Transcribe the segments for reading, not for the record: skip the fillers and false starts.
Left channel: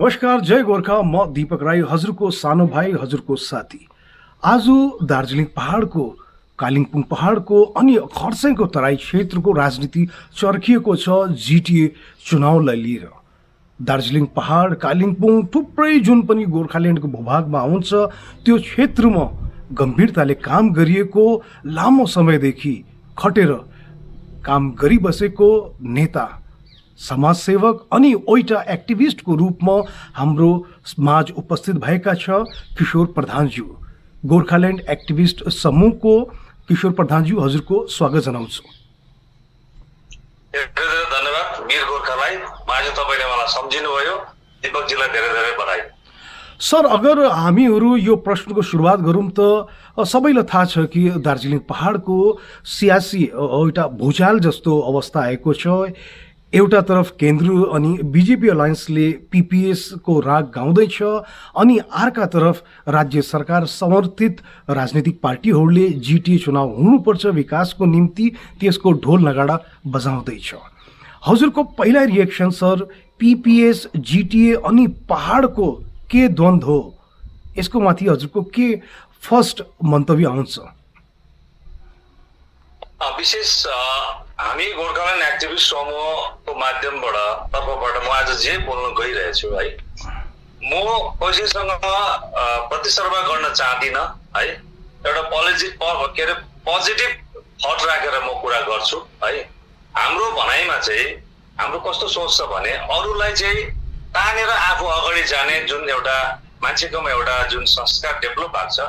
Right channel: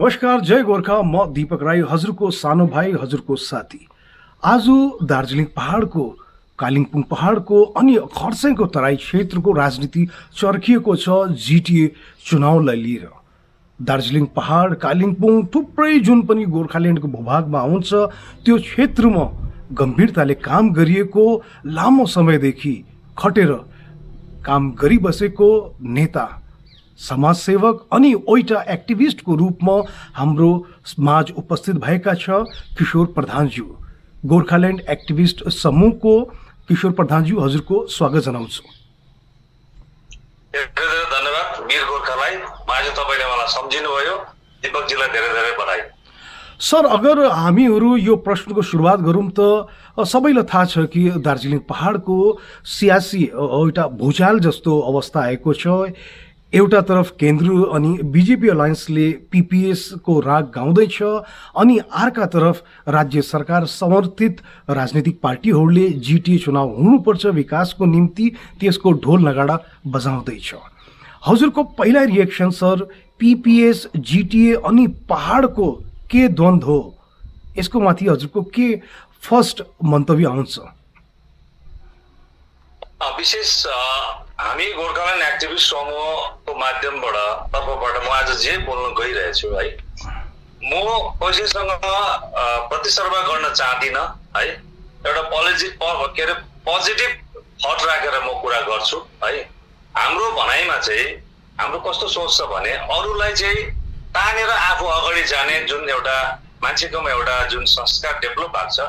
नमस्कार, जय गोर्खा। म दीपक राई, हजुरको सानो भाइ, हजुरको साथी। आज दार्जिलिङ पहाडको, कालिम्पोङ पहाडको अनि खरसाङको तराई क्षेत्रको राजनीति चर्किएको छ जिटिए चुनावलाई लिएर। दार्जिलिङ पहाड, कालिम्पोङ थुप्रै जुन पनि गोर्खाल्यान्डको भूभागमा आउँछ, त्यो क्षेत्रमा गम्भीरताले काम गरिएको, लामो समयदेखि खटेर काम गरिबसेको नेता, समाजसेवक अनि एउटा एक्टिभिस्टको रूपमा हाम्रो समाज उपस्थित भएका छ किशोर प्रधानज्यू। गोर्खाल्यान्ड एक्टिभिस्ट समूहको किशोर प्रधानज्यू, हजुरको स्वागत जनाउँछु। धन्यवाद वीर गोर्खालाई। आज तपाईले मलाई सम्झिनुभयो। दीपकजीलाई धेरै धेरै बधाई। सर, अगर हामीहरू यो प्रश्नको सुरुवात गरौँ त सबैलाई थाहा छ कि दार्जिलिङ पहाडको सियासी एउटा भूचाल जस्तो अवस्था आएको छ। एउटा तरफ केन्द्र अनि बिजेपी अलायन्सले पीपीएस को राग गाउँदैछ, अनि अर्का तरफ राज्य सरकार समर्थित राजनीतिक पार्टीहरूले जिटिए चुनाव हुनुपर्छ विकासको निम्ति, त्यसको ढोल नगाडा बजाउँदैछ। हजुरको पहिला रिएक्सन सर, पीपीएस, जिटिए अनि पहाडको के द्वन्द हो, यसको माथि हजुरको के फर्स्ट मन्तव्य आउँछ? विशेष हामी गोर्खाल्यान्ड एक्टिभिस्ट समूहको माध्यमबाट तर्फबाट म आज जे बोल्न गइरहेछु है, म कसैसँग प्रतिस्पर्धा गर्न चाहदिन है। एउटा पोजिटिभ थट राखेर म कुरा गर्छु है। हाम्रो भनाइमा चाहिँ हाम्रो कस्तो सोच छ भने, अरूलाई चाहिँ तानेर आफू अगाडि जाने जुन एउटा मान्छेकोमा एउटा जुन संस्कार डेभलप भएको छ,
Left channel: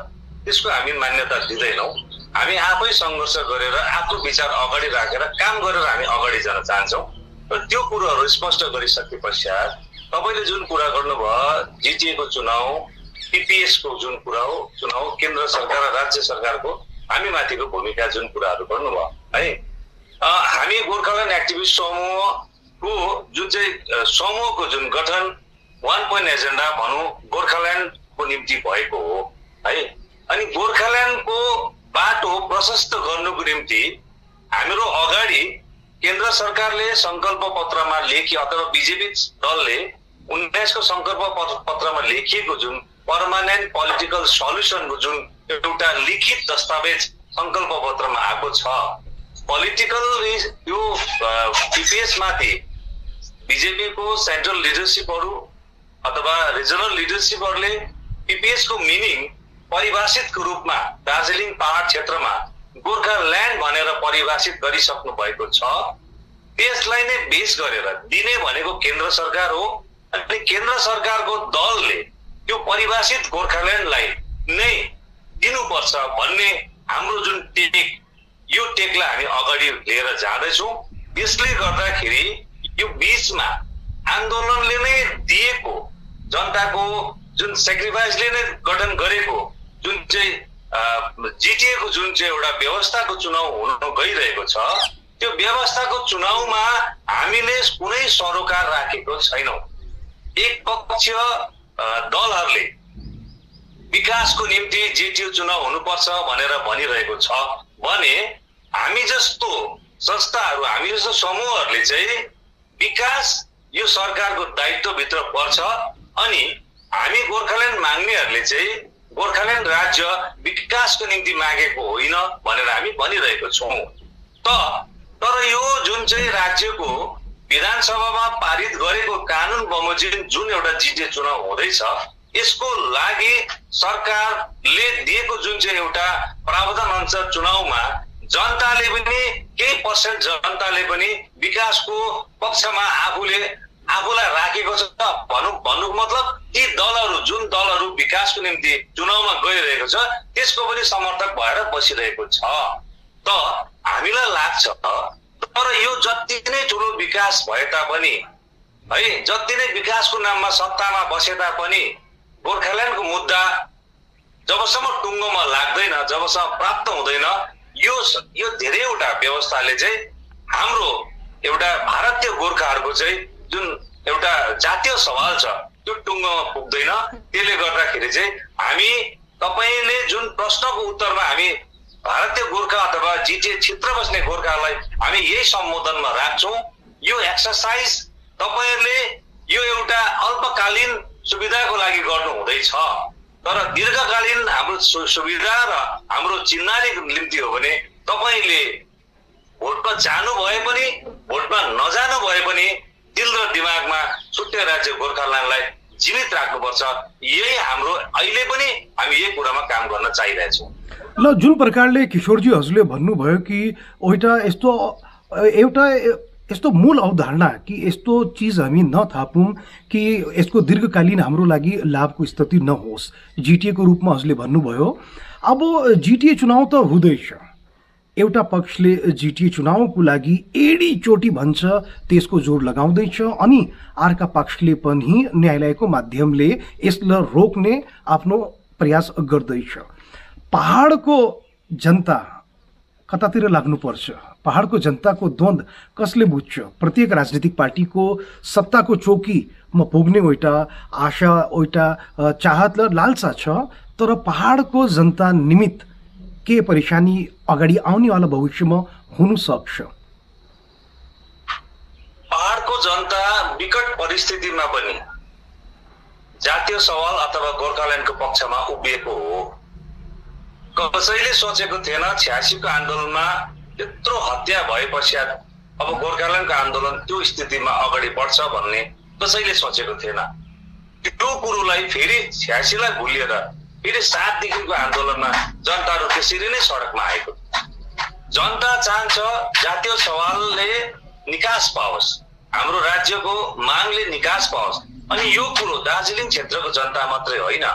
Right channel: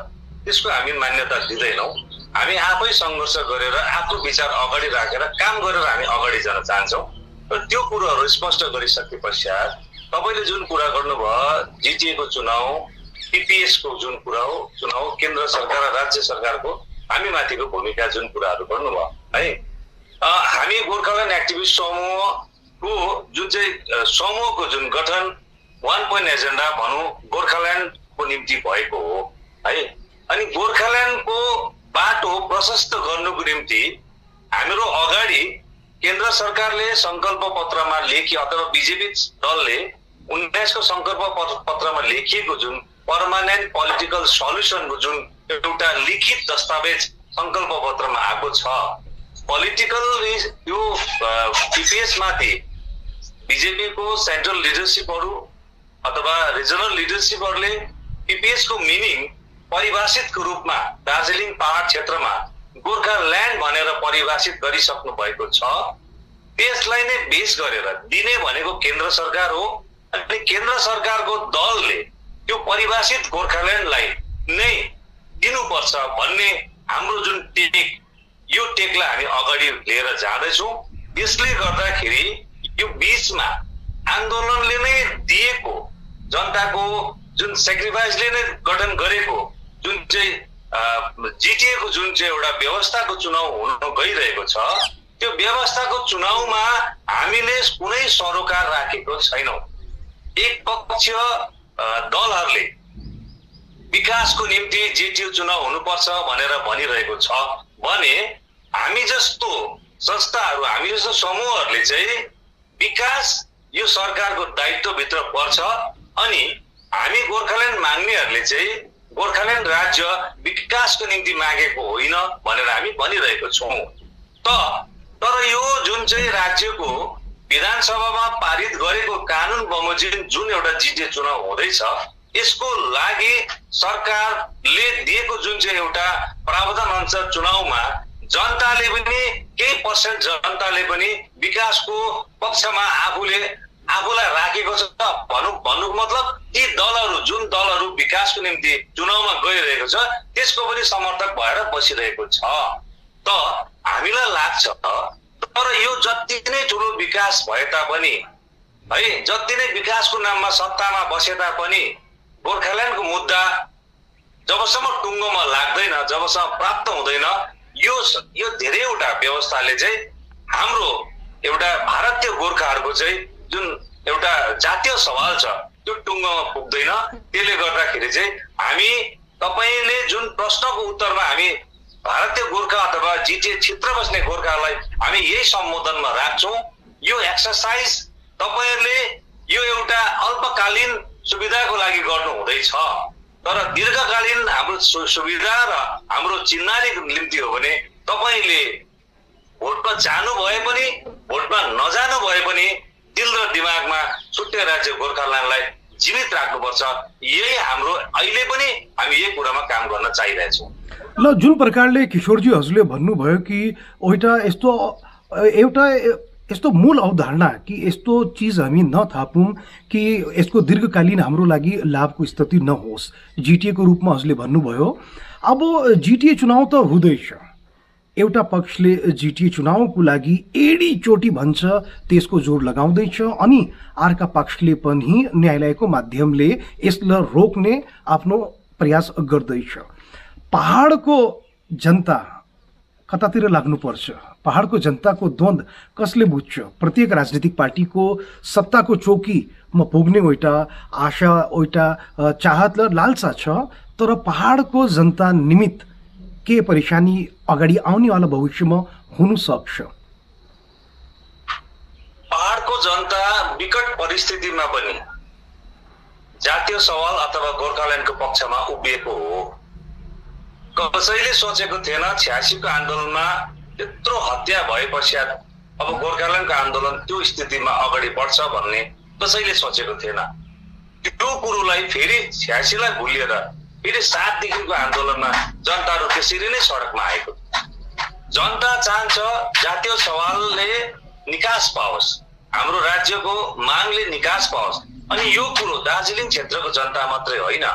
त्यसको हामी मान्यता दिँदैनौँ। हामी आफै सङ्घर्ष गरेर आफ्नो विचार अगाडि राखेर काम गरेर हामी अगाडि जान चाहन्छौँ। र त्यो कुरोहरू स्पष्ट गरिसके पश्चात तपाईँले जुन कुरा गर्नुभयो, जिटिए को चुनाव, पीपीएस को जुन कुरा हो, चुनाव केन्द्र सरकार र राज्य सरकारको हामी माथिको भूमिका जुन कुराहरू गर्नुभयो है। हामी गोर्खाल्यान्ड एक्टिभिस्ट समूहको जुन चाहिँ समूहको जुन गठन 1 पोइन्ट एजेन्डा भनौँ गोर्खाल्यान्डको निम्ति भएको हो है। अनि गोर्खाल्यान्डको बाटो प्रशस्त गर्नुको निम्ति हाम्रो अगाडि केन्द्र सरकारले संकल्प पत्रमा लेखी अथवा बिजेपी दलले 19 को संकल्प पत्रमा लेखिएको जुन पर्मानेन्ट पोलिटिकल सल्युसनको जुन एउटा लिखित दस्तावेज संकल्प पत्रमा आएको छ, पोलिटिकल यो पीपीएस माथि बिजेपी को सेन्ट्रल लिडरसिपहरू अथवा रिजनल लिडरसिपहरूले पीपीएस को मिनिङ परिभाषितको रूपमा दार्जिलिङ पहाड क्षेत्रमा गोर्खाल्यान्ड भनेर परिभाषित गरिसक्नु भएको छ। त्यसलाई नै बेस गरेर दिने भनेको केन्द्र सरकार हो, अनि केन्द्र सरकारको दलले त्यो परिभाषित गोर्खाल्यान्डलाई नै दिनुपर्छ भन्ने हाम्रो जुन टेक, यो टेकलाई हामी अगाडि लिएर जाँदैछौँ। यसले गर्दाखेरि यो बीचमा आन्दोलनले नै दिएको, जनताको जुन सेक्रिफाइसले नै गठन गरेको जुन चाहिँ जिटिए को जुन चाहिँ एउटा व्यवस्थाको चुनाव हुन गइरहेको छ, त्यो व्यवस्थाको चुनावमा हामीले कुनै सरोकार राखेको छैनौँ। एक पक्ष दलहरूले विकासको निम्ति जिटिए चुनाव हुनुपर्छ भनेर भनिरहेको छ भने, हामी जस्तो संस्थाहरू, हामी जस्तो समूहहरूले चाहिँ विकास यो सरकारको दायित्वभित्र पर्छ, अनि हामी गोर्खाल्यान्ड माग्नेहरूले चाहिँ गोर्खाल्यान्ड राज्य विकासको निम्ति मागेको होइन भनेर हामी भनिरहेको छौँ। तर यो जुन चाहिँ राज्यको विधानसभामा पारित गरेको कानुन बमोजिम जुन एउटा जिटिए चुनाव हुँदैछ, यसको लागि सरकारले दिएको जुन चाहिँ एउटा प्रावधान अनुसार चुनावमा जनताले पनि केही पर्सेन्ट जनताले पनि विकासको पक्षमा आफूलाई राखेको छ। भन्नुको मतलब ती दलहरू, जुन दलहरू विकासको निम्ति चुनावमा गइरहेको छ, त्यसको पनि समर्थक भएर बसिरहेको छ। त हामीलाई लाग्छ, तर यो जति नै ठुलो विकास भए तापनि है, जति नै विकासको नाममा सत्तामा बसे तापनि गोर्खाल्यान्डको मुद्दा जबसम्म टुङ्गोमा लाग्दैन, जबसम्म प्राप्त हुँदैन, यो धेरैवटा व्यवस्थाले चाहिँ हाम्रो एउटा भारतीय गोर्खाहरूको चाहिँ जुन एउटा जातीय सवाल छ त्यो टुङ्गोमा पुग्दैन। त्यसले गर्दाखेरि चाहिँ हामी, तपाईँले जुन प्रश्नको उत्तरमा हामी भारतीय गोर्खा अथवा जिटिए क्षेत्र बस्ने गोर्खालाई हामी यही सम्बोधनमा राख्छौँ। यो एक्सरसाइज तपाईँहरूले यो एउटा अल्पकालीन सुविधाको लागि गर्नु हुँदैछ, तर दीर्घकालीन हाम्रो सुविधा र हाम्रो चिन्हारीको निम्ति हो भने तपाईले भोटमा जानु भए पनि भोटमा नजानु भए पनि दिल र दिमागमा छुट्टै राज्य गोर्खाल्यान्डलाई जीवित राख्नुपर्छ। यही हाम्रो अहिले पनि हामी यही कुरामा काम गर्न चाहिरहेछौँ। ल, जुन प्रकारले किशोरजी हजुरले भन्नुभयो कि एउटा यस्तो मूल अवधारणा कि यस्तो चिज हामी नथापौँ कि यसको दीर्घकालीन हाम्रो लागि लाभको स्थिति नहोस्, जिटिए को रूपमा हजुरले भन्नुभयो। अब जिटिए चुनाव त हुँदैछ, एउटा पक्षले जिटिए चुनावको लागि एडी चोटी भन्छ, त्यसको जोड लगाउँदैछ, अनि अर्का पक्षले पनि न्यायालयको माध्यमले यसलाई रोक्ने आफ्नो प्रयास गर्दैछ। पहाडको जनता कतातिर लाग्नुपर्छ? पहाडको जनताको द्वन्द कसले बुझ्छ? प्रत्येक राजनीतिक पार्टीको सत्ताको चौकीमा पुग्ने एउटा आशा, एउटा चाहत र लालसा छ, तर पहाडको जनता निमित्त के परेशानी अगाडि आउनेवाला भविष्यमा हुन सक्छ? पहाडको जनता विकट परिस्थितिमा पनि जातीय सवाल अथवा गोर्खाल्यान्डको पक्षमा उभिएको हो। कसैले सोचेको थिएन 86 को आन्दोलनमा त्यत्रो हत्या भए पश्चात अब गोर्खाल्यान्डको आन्दोलन त्यो स्थितिमा अगाडि बढ्छ भन्ने कसैले सोचेको थिएन। त्यो कुरोलाई फेरि 86 लाई भुलिएर फेरि 7 देखिको आन्दोलनमा जनताहरू त्यसरी नै सडकमा आएको। जनता चाहन्छ जातीय सवालले निकास पाओस्, हाम्रो राज्यको मागले निकास पाओस्। अनि यो कुरो दार्जिलिङ क्षेत्रको जनता मात्रै होइन,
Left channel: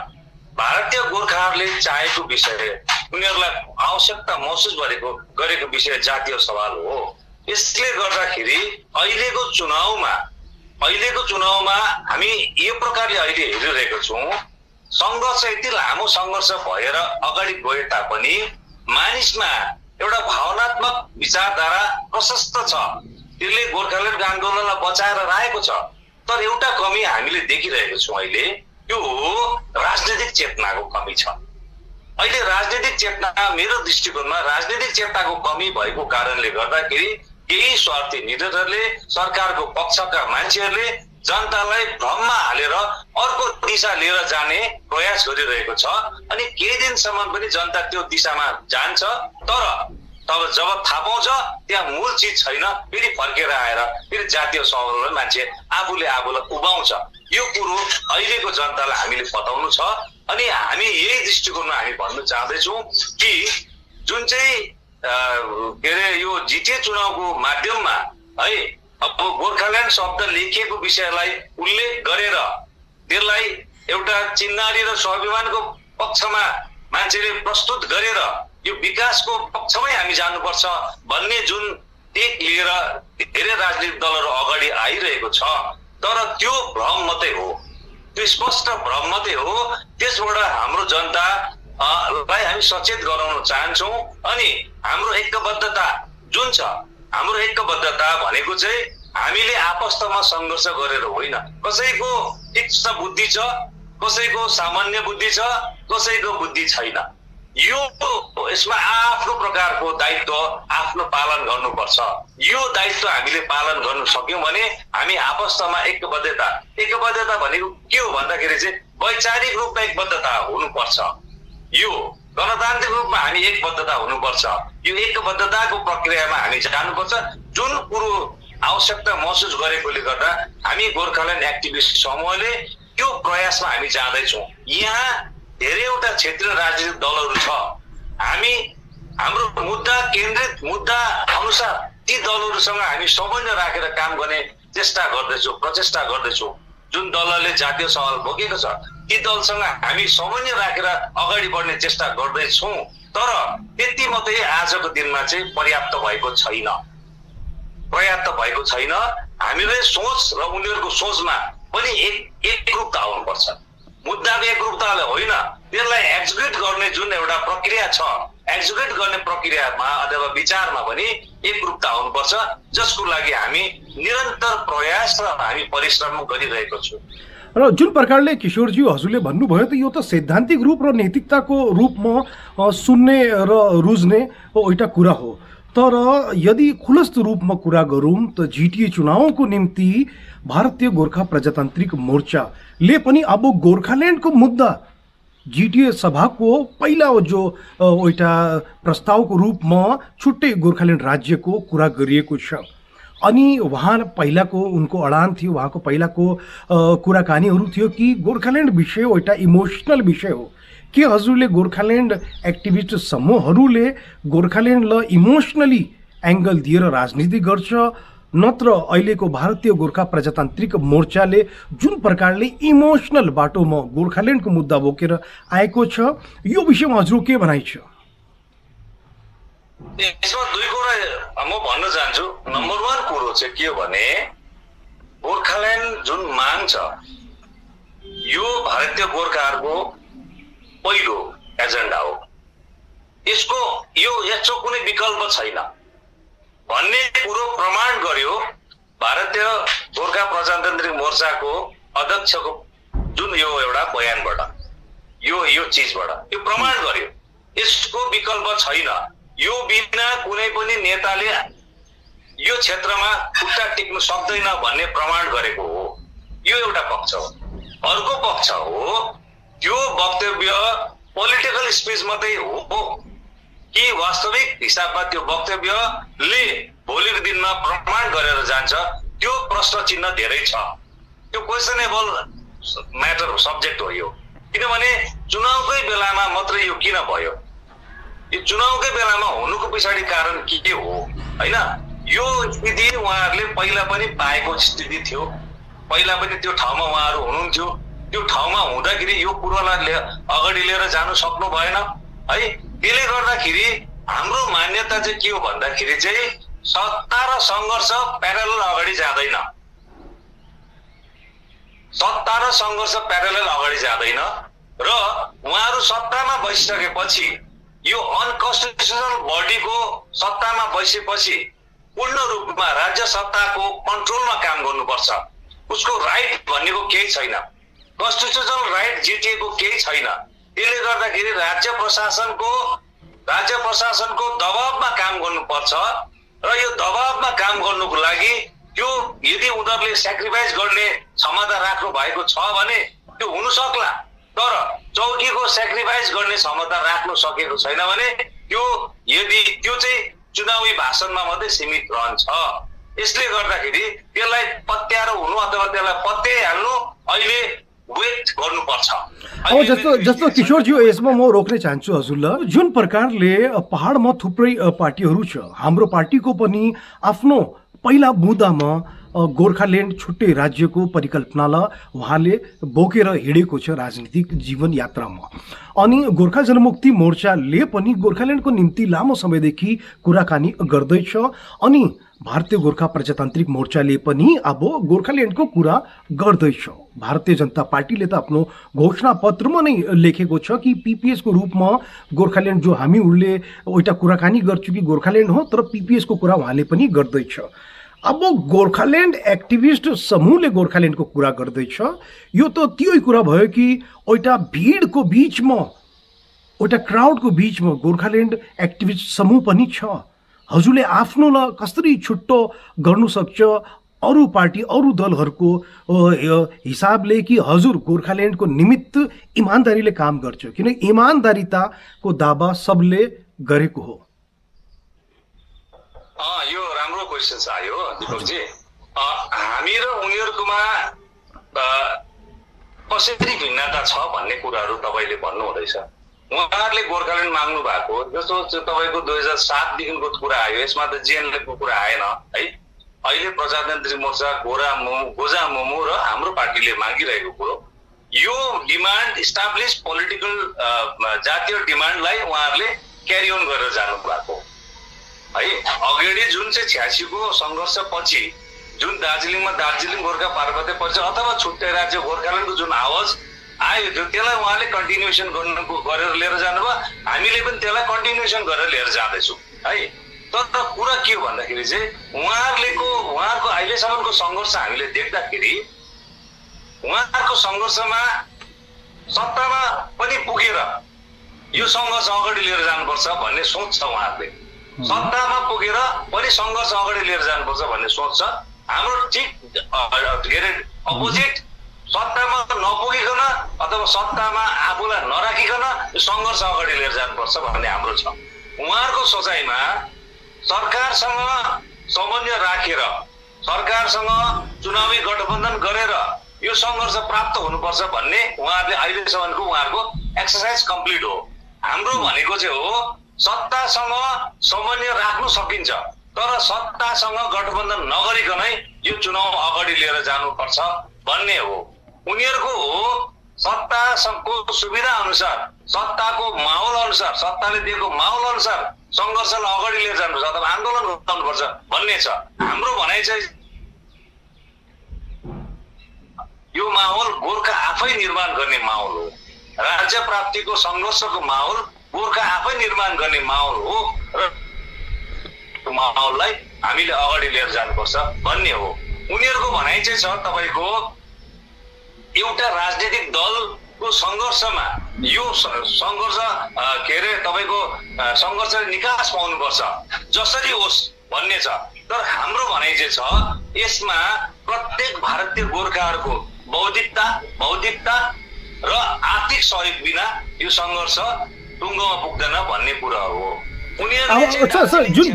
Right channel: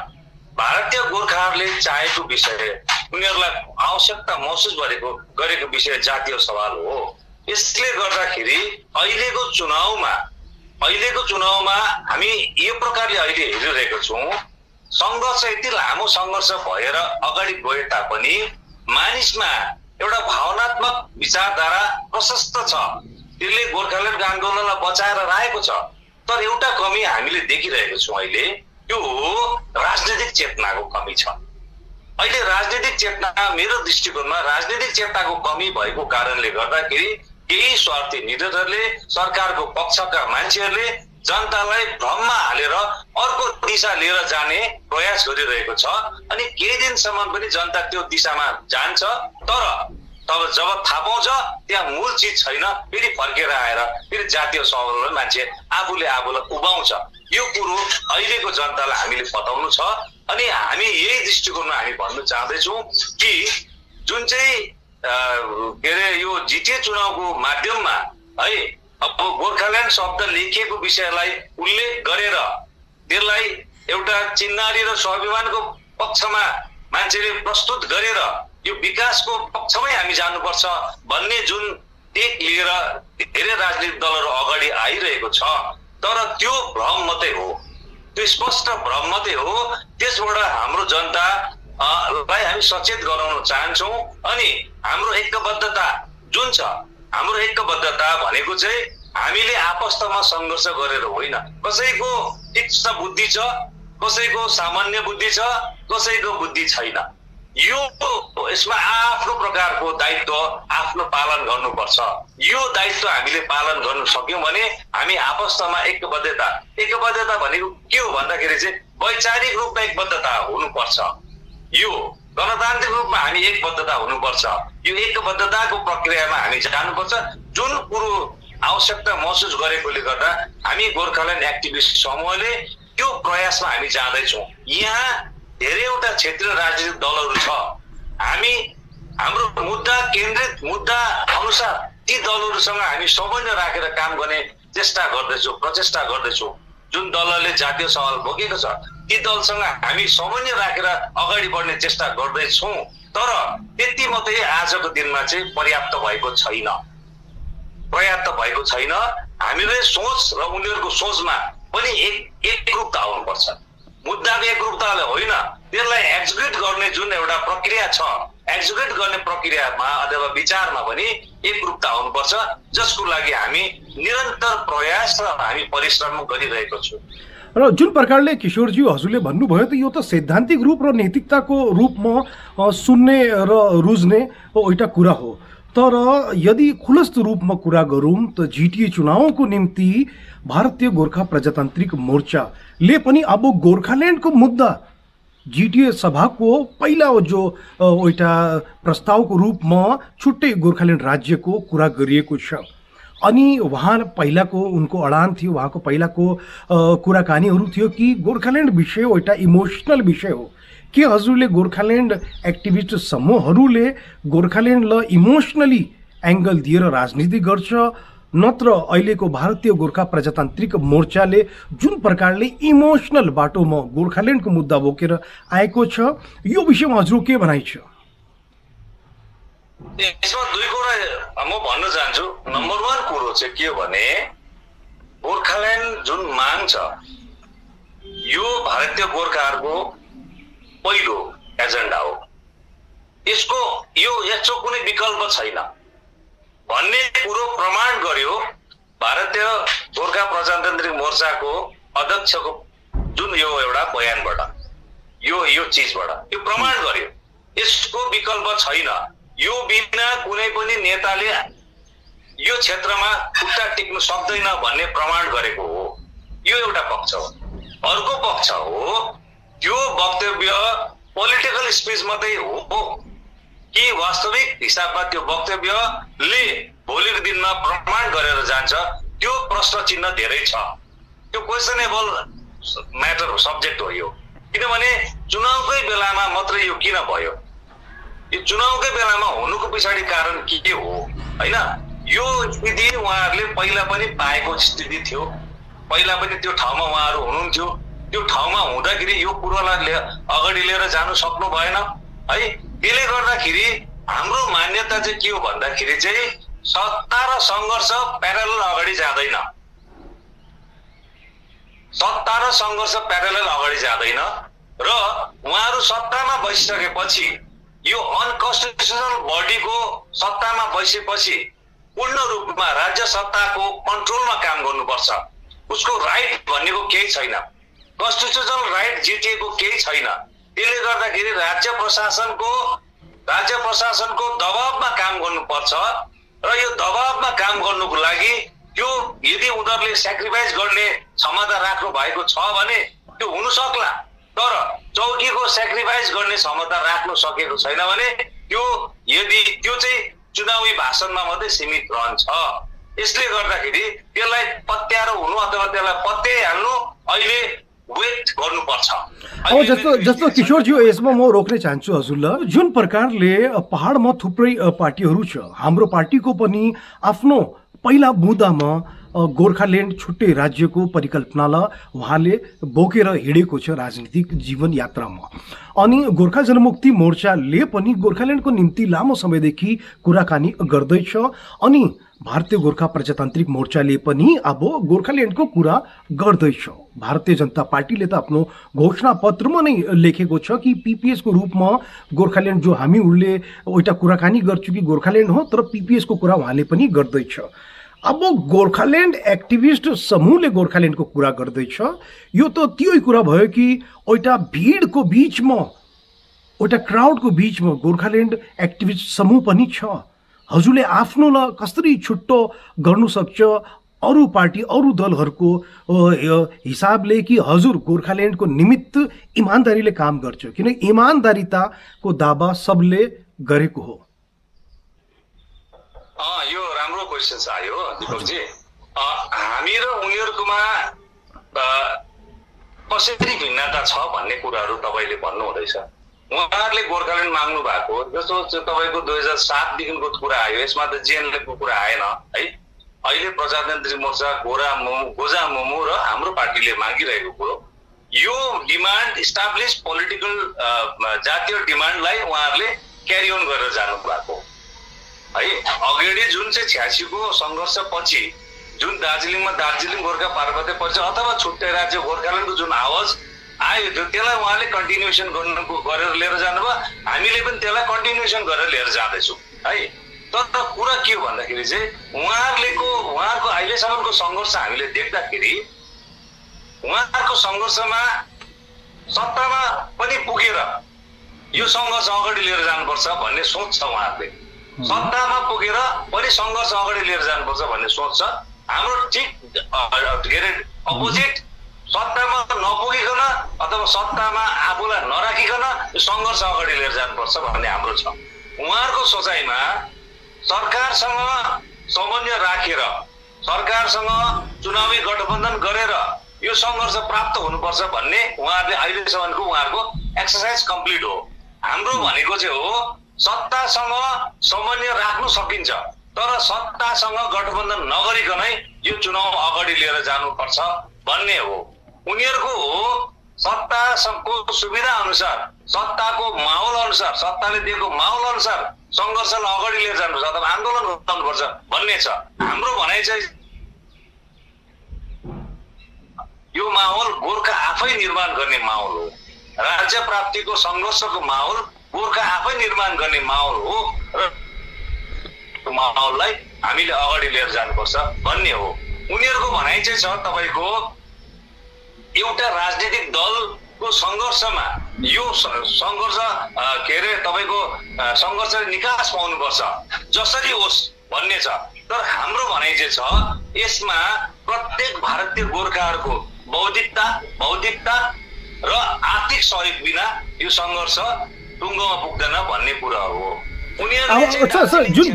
भारतीय गोर्खाहरूले चाहेको विषय, उनीहरूलाई आवश्यकता महसुस गरेको विषय जातीय सवाल हो। यसले गर्दाखेरि अहिलेको चुनावमा हामी यो प्रकारले अहिले हेरिरहेको छौँ। सङ्घर्ष यति लामो सङ्घर्ष भएर अगाडि गए तापनि मानिसमा एउटा भावनात्मक विचारधारा प्रशस्त छ, त्यसले गोर्खाल्यान्ड आन्दोलनलाई बचाएर राखेको छ। तर एउटा कमी हामीले देखिरहेको छौँ अहिले, यो राजनीतिक चेतनाको कमी छ। अहिले राजनीतिक चेतना, मेरो दृष्टिकोणमा राजनीतिक चेतनाको कमी भएको कारणले गर्दाखेरि केही स्वार्थी निधरहरूले, सरकारको पक्षका मान्छेहरूले जनतालाई भ्रममा हालेर अर्को दिशा लिएर जाने प्रयास गरिरहेको छ। अनि केही दिनसम्म पनि जनता त्यो दिशामा जान्छ, तर तब जब थाहा पाउँछ त्यहाँ मूल चिज छैन, फेरि फर्केर आएर फेरि जातीय सवाललाई मान्छे आफूलाई उभाउँछ। यो कुरो अहिलेको जनतालाई हामीले बताउनु छ। अनि हामी यही दृष्टिकोणमा हामी भन्न चाहँदैछौँ कि जुन चाहिँ के अरे यो जिटिए चुनावको माध्यममा है अब गोर्खाल्यान्ड शब्द लेखिएको विषयलाई उल्लेख गरेर त्यसलाई एउटा चिन्हारी र स्वाभिमानको पक्षमा मान्छेले प्रस्तुत गरेर यो विकासको पक्षमै हामी जानुपर्छ भन्ने जुन टेक लिएर धेरै राजनीतिक दलहरू अगाडि आइरहेको छ, तर त्यो भ्रम मात्रै हो, त्यो स्पष्ट भ्रम मात्रै हो। त्यसबाट हाम्रो जनतालाई हामी सचेत गराउन चाहन्छौँ। अनि हाम्रो ऐक्यबद्धता जुन छ, हाम्रो ऐक्यबद्धता भनेको चाहिँ हामीले आपस्तमा सङ्घर्ष गरेर होइन। कसैको तीक्ष्ण बुद्धि छ, कसैको सामान्य बुद्धि छ, कसैको बुद्धि छैन। यसमा आफ्नो प्रकारको दायित्व आफ्नो पालन गर्नुपर्छ। यो दायित्व हामीले पालन गर्न सक्यौँ भने हामी आपस्तमा एकबद्धता भनेको के हो भन्दाखेरि चाहिँ वैचारिक रूपमा एकबद्धता हुनुपर्छ। यो गणतान्त्रिक रूपमा हामी एकबद्धता हुनुपर्छ। यो एकबद्धताको प्रक्रियामा हामी जानुपर्छ। जुन कुरो आवश्यकता महसुस गरेकोले गर्दा हामी गोर्खाल्यान्ड एक्टिभिस्ट समूहले त्यो प्रयासमा हामी जाँदैछौँ। यहाँ धेरैवटा क्षेत्रीय राजनीतिक दलहरू छ। हामी हाम्रो केन्द्रित मुद्दा अनुसार ती दलहरूसँग हामी समन्वय राखेर काम गर्ने प्रचेष्टा गर्दैछौँ। जुन दलले जातीय सवाल बोकेको छ ती दलसँग हामी समन्वय राखेर अगाडि बढ्ने चेष्टा गर्दैछौँ। तर त्यति मात्रै आजको दिनमा चाहिँ पर्याप्त भएको छैन। हामीले सोच र उनीहरूको सोचमा पनि एकरूपता आउनुपर्छ। मुद्दाको एकरूपताले होइन, त्यसलाई एक्जिक्युट गर्ने जुन एउटा प्रक्रिया छ, एक्जिक्युट गर्ने प्रक्रियामा अथवा विचारमा पनि एकरूपता आउनुपर्छ, जसको लागि हामी निरन्तर प्रयास र हामी परिश्रम गरिरहेको छौँ। र जुन प्रकारले किशोरजी हजुरले भन्नुभयो त यो त सैद्धान्तिक रूप र नैतिकताको रूपमा सुन्ने र रुझ्ने एउटा कुरा हो। तर यदि खुलस्त रूपमा कुरा गरौँ त जिटिए चुनावको निम्ति भारतीय गोर्खा प्रजातान्त्रिक मोर्चाले पनि अब गोर्खाल्यान्डको मुद्दा जिटिए सभाको पहिला जो एउटा प्रस्तावको रूपमा छुट्टै गोर्खाल्यान्ड राज्यको कुरा गरिएको छ। अनि उहाँ पहिलाको उनको अडान थियो, उहाँको पहिलाको कुराकानीहरू थियो कि गोर्खाल्यान्ड विषय एउटा इमोसनल विषय हो। के हजुरले गोर्खाल्यान्ड एक्टिभिस्ट समूहहरूले गोर्खाल्यान्डलाई इमोसनली एङ्गल दिएर राजनीति गर्छ, नत्र अहिलेको भारतीय गोर्खा प्रजातान्त्रिक मोर्चाले जुन प्रकारले इमोसनल बाटोमा गोर्खाल्यान्डको मुद्दा बोकेर आएको छ, यो विषयमा हजुर के भनाइ छ? यसमा दुई कुरा म भन्न चाहन्छु। नम्बर 1 कुरो चाहिँ के हो भने गोर्खाल्यान्ड जुन माग छ यो भारतीय गोर्खाहरूको पहिलो एजेन्डा हो। यसको कुनै विकल्प छैन भन्ने कुरो प्रमाण गर्यो भारतीय गोर्खा प्रजातान्त्रिक मोर्चाको अध्यक्षको जुन यो एउटा बयानबाट, यो चिजबाट यो प्रमाण गर्यो यसको विकल्प छैन। यो बिना कुनै पनि नेताले यो क्षेत्रमा खुट्टा टिक्नु सक्दैन भन्ने प्रमाण गरेको हो। यो एउटा पक्ष हो। अर्को पक्ष हो त्यो वक्तव्य पोलिटिकल स्पेस मात्रै हो कि वास्तविक हिसाबमा त्यो वक्तव्यले भोलिको दिनमा प्रमाण गरेर जान्छ, त्यो प्रश्न चिन्ह धेरै छ। त्यो क्वेसनेबल म्याटर हो, सब्जेक्ट हो यो। किनभने चुनावकै बेलामा मात्रै यो किन भयो? यो चुनावकै बेलामा हुनुको पछाडि कारण के हो हैन? यो स्थिति उहाँहरूले पहिला पनि पाएको स्थिति थियो, पहिला पनि त्यो ठाउँमा उहाँहरू हुनुहुन्थ्यो। त्यो ठाउँमा हुँदाखेरि यो कुरोलाई अगाडि लिएर जानु सक्नु भएन है। त्यसले गर्दाखेरि हाम्रो मान्यता चाहिँ के हो भन्दाखेरि चाहिँ सत्ता र सङ्घर्ष प्यारलल अगाडि जाँदैन। सत्ता र सङ्घर्ष प्यारलल अगाडि जाँदैन र उहाँहरू सत्तामा बसिसकेपछि यो अनकन्स्टिट्युसनल बडीको सत्तामा बसेपछि पूर्ण रूपमा राज्य सत्ताको कन्ट्रोलमा काम गर्नुपर्छ। उसको राइट भन्नेको केही छैन, कन्स्टिट्युसनल राइट जिटिएको केही छैन। त्यसले गर्दाखेरि राज्य प्रशासनको दबावमा काम गर्नुपर्छ र यो दबावमा काम गर्नुको लागि त्यो यदि उनीहरूले सेक्रिफाइस गर्ने क्षमता राख्नु भएको छ भने त्यो हुन सक्ला, तर चौकीको सेक्रिफाइस गर्ने क्षमता राख्नु सकेको छैन भने त्यो चाहिँ चुनावी भाषणमा मात्रै सीमित रहन्छ। यसले गर्दाखेरि त्यसलाई पत्याएर हुनु अथवा त्यसलाई पत्याइहाल्नु अहिले वेट गर्नुपर्छ। अब जस्तो किशोरजी यसमा म रोक्न चाहन्छु हजुरलाई। जुन प्रकारले पहाडमा थुप्रै पार्टीहरू छ, हाम्रो पार्टीको पनि आफ्नो पहिला बुँदामा गोर्खाल्यान्ड छुट्टै राज्यको परिकल्पनालाई उहाँले बोकेर हिँडेको छ राजनीतिक जीवन यात्रामा। अनि गोर्खा जनमुक्ति मोर्चाले पनि गोर्खाल्यान्डको निम्ति लामो समयदेखि कुराकानी गर्दैछ। अनि भारतीय गोर्खा प्रजातान्त्रिक मोर्चाले पनि अब गोर्खाल्यान्डको कुरा गर्दैछ। भारतीय जनता पार्टीले त आफ्नो घोषणा पत्रमा नै लेखेको छ कि पीपीएसको रूपमा गोर्खाल्यान्ड जो हामीहरूले एउटा कुराकानी गर्छौँ कि गोर्खाल्यान्ड हो, तर पीपीएसको कुरा उहाँले पनि गर्दैछ। अब गोर्खाल्यान्ड एक्टिभिस्ट समूहले गोर्खाल्यान्डको कुरा गर्दैछ। यो त त्यही कुरा भयो कि एउटा भिडको बिचमा, एउटा क्राउडको बिचमा गोर्खाल्यान्ड एक्टिभिस्ट समूह पनि छ। हजुरले आफ्नोलाई कसरी छुट्टो गर्नु सक्छ अरू पार्टी अरू दलहरूको हिसाबले कि हजुर गोर्खाल्यान्डको निमित्त इमानदारीले काम गर्छ? किन इमानदारिताको दावा सबले गरेको हो। यो राम्रो क्वेसन आयो दिपकजी। हामी र उनीहरूकोमा कसरी भिन्नता छ भन्ने कुराहरू तपाईँले भन्नु हुँदैछ। उहाँहरूले गोर्खाल्यान्ड माग्नु भएको जस्तो तपाईँको 2007देखिको कुरा आयो, यसमा त जिएनएलएफको कुरा आएन है। अहिले प्रजातान्त्रिक मोर्चा गोजा मोमो र हाम्रो पार्टीले मागिरहेको कुरो यो डिमान्ड इस्टाब्लिस पोलिटिकल जातीय डिमान्डलाई उहाँहरूले क्यारी अन गरेर जानु भएको है। अगाडि जुन चाहिँ 86 को सङ्घर्ष पछि जुन दार्जिलिङमा दार्जिलिङ गोर्खा पार्वत्य पछि अथवा छुट्टै राज्य गोर्खाल्यान्डको जुन आवाज आयो थियो त्यसलाई उहाँले कन्टिन्युएसन गरेर लिएर जानुभयो। हामीले पनि त्यसलाई कन्टिन्युएसन गरेर लिएर जाँदैछौँ है। तर कुरा के हो भन्दाखेरि चाहिँ उहाँहरूको अहिलेसम्मको सङ्घर्ष हामीले देख्दाखेरि उहाँहरूको सङ्घर्षमा सत्तामा पनि पुगेर यो सङ्घर्ष अगाडि लिएर जानुपर्छ भन्ने सोच छ उहाँहरूले। सत्तामा पुगेर पनि सङ्घर्ष अगाडि लिएर जानुपर्छ भन्ने सोच छ हाम्रो। ठिक के अरे अपोजिट, सत्तामा नपुगिकन अथवा सत्तामा आफूलाई नराखिकन सङ्घर्ष अगाडि लिएर जानुपर्छ भन्ने हाम्रो छ। उहाँहरूको सोचाइमा सरकारसँग समन्वय राखेर सरकारसँग चुनावी गठबन्धन गरेर यो सङ्घर्ष प्राप्त हुनुपर्छ भन्ने उहाँहरूले अहिलेसम्मको उहाँहरूको एक्सर्साइज कम्प्लिट हो। हाम्रो भनेको चाहिँ हो सत्तासँग समन्वय राख्नु सकिन्छ, तर सत्तासँग गठबन्धन नगरिकनै यो चुनाव अगाडि लिएर जानुपर्छ भन्ने हो। उनीहरूको हो सत्ताको सुविधा अनुसार, सत्ताको माहौल अनुसार, सत्ताले दिएको माहौल अनुसार सङ्घर्षलाई अगाडि लिएर जानुपर्छ अथवा आन्दोलन गर्नुपर्छ भन्ने छ। हाम्रो भनाइ चाहिँ यो माहौल गोर्खा आफै निर्माण गर्ने माहौल हो। राज्य प्राप्तिको सङ्घर्षको माहौल गोर्खा आफै निर्माण गर्ने माहौल हो र माहौललाई हामीले अगाडि लिएर जानुपर्छ भन्ने हो। उनीहरूको भनाइ चाहिँ छ तपाईँको एउटा राजनीतिक दलको सङ्घर्षमा यो सङ्घर्ष के अरे तपाईँको सङ्घर्षले निकास पाउनुपर्छ जसरी होस् भन्ने छ। तर हाम्रो भनाइ चाहिँ छ यसमा प्रत्येक भारतीय गोर्खाहरूको बौद्धिकता र आर्थिक सहयोग बिना यो सङ्घर्ष टुङ्गोमा पुग्दैन भन्ने कुरा हो।